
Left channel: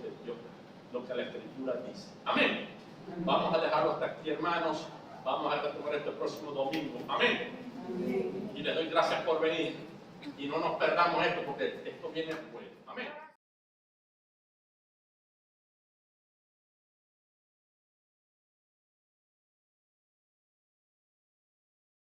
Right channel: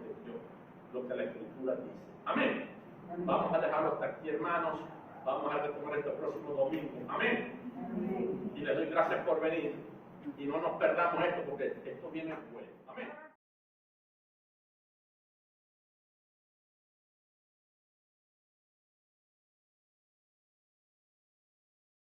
lo que la Escritura dice. Amén. Vamos a dejarlo hasta aquí, hermanos. Vamos a retomar este próximo domingo. Amén. Y les doy gracias por venir. Y no nos perdamos esto porque esto viene bueno. Amén.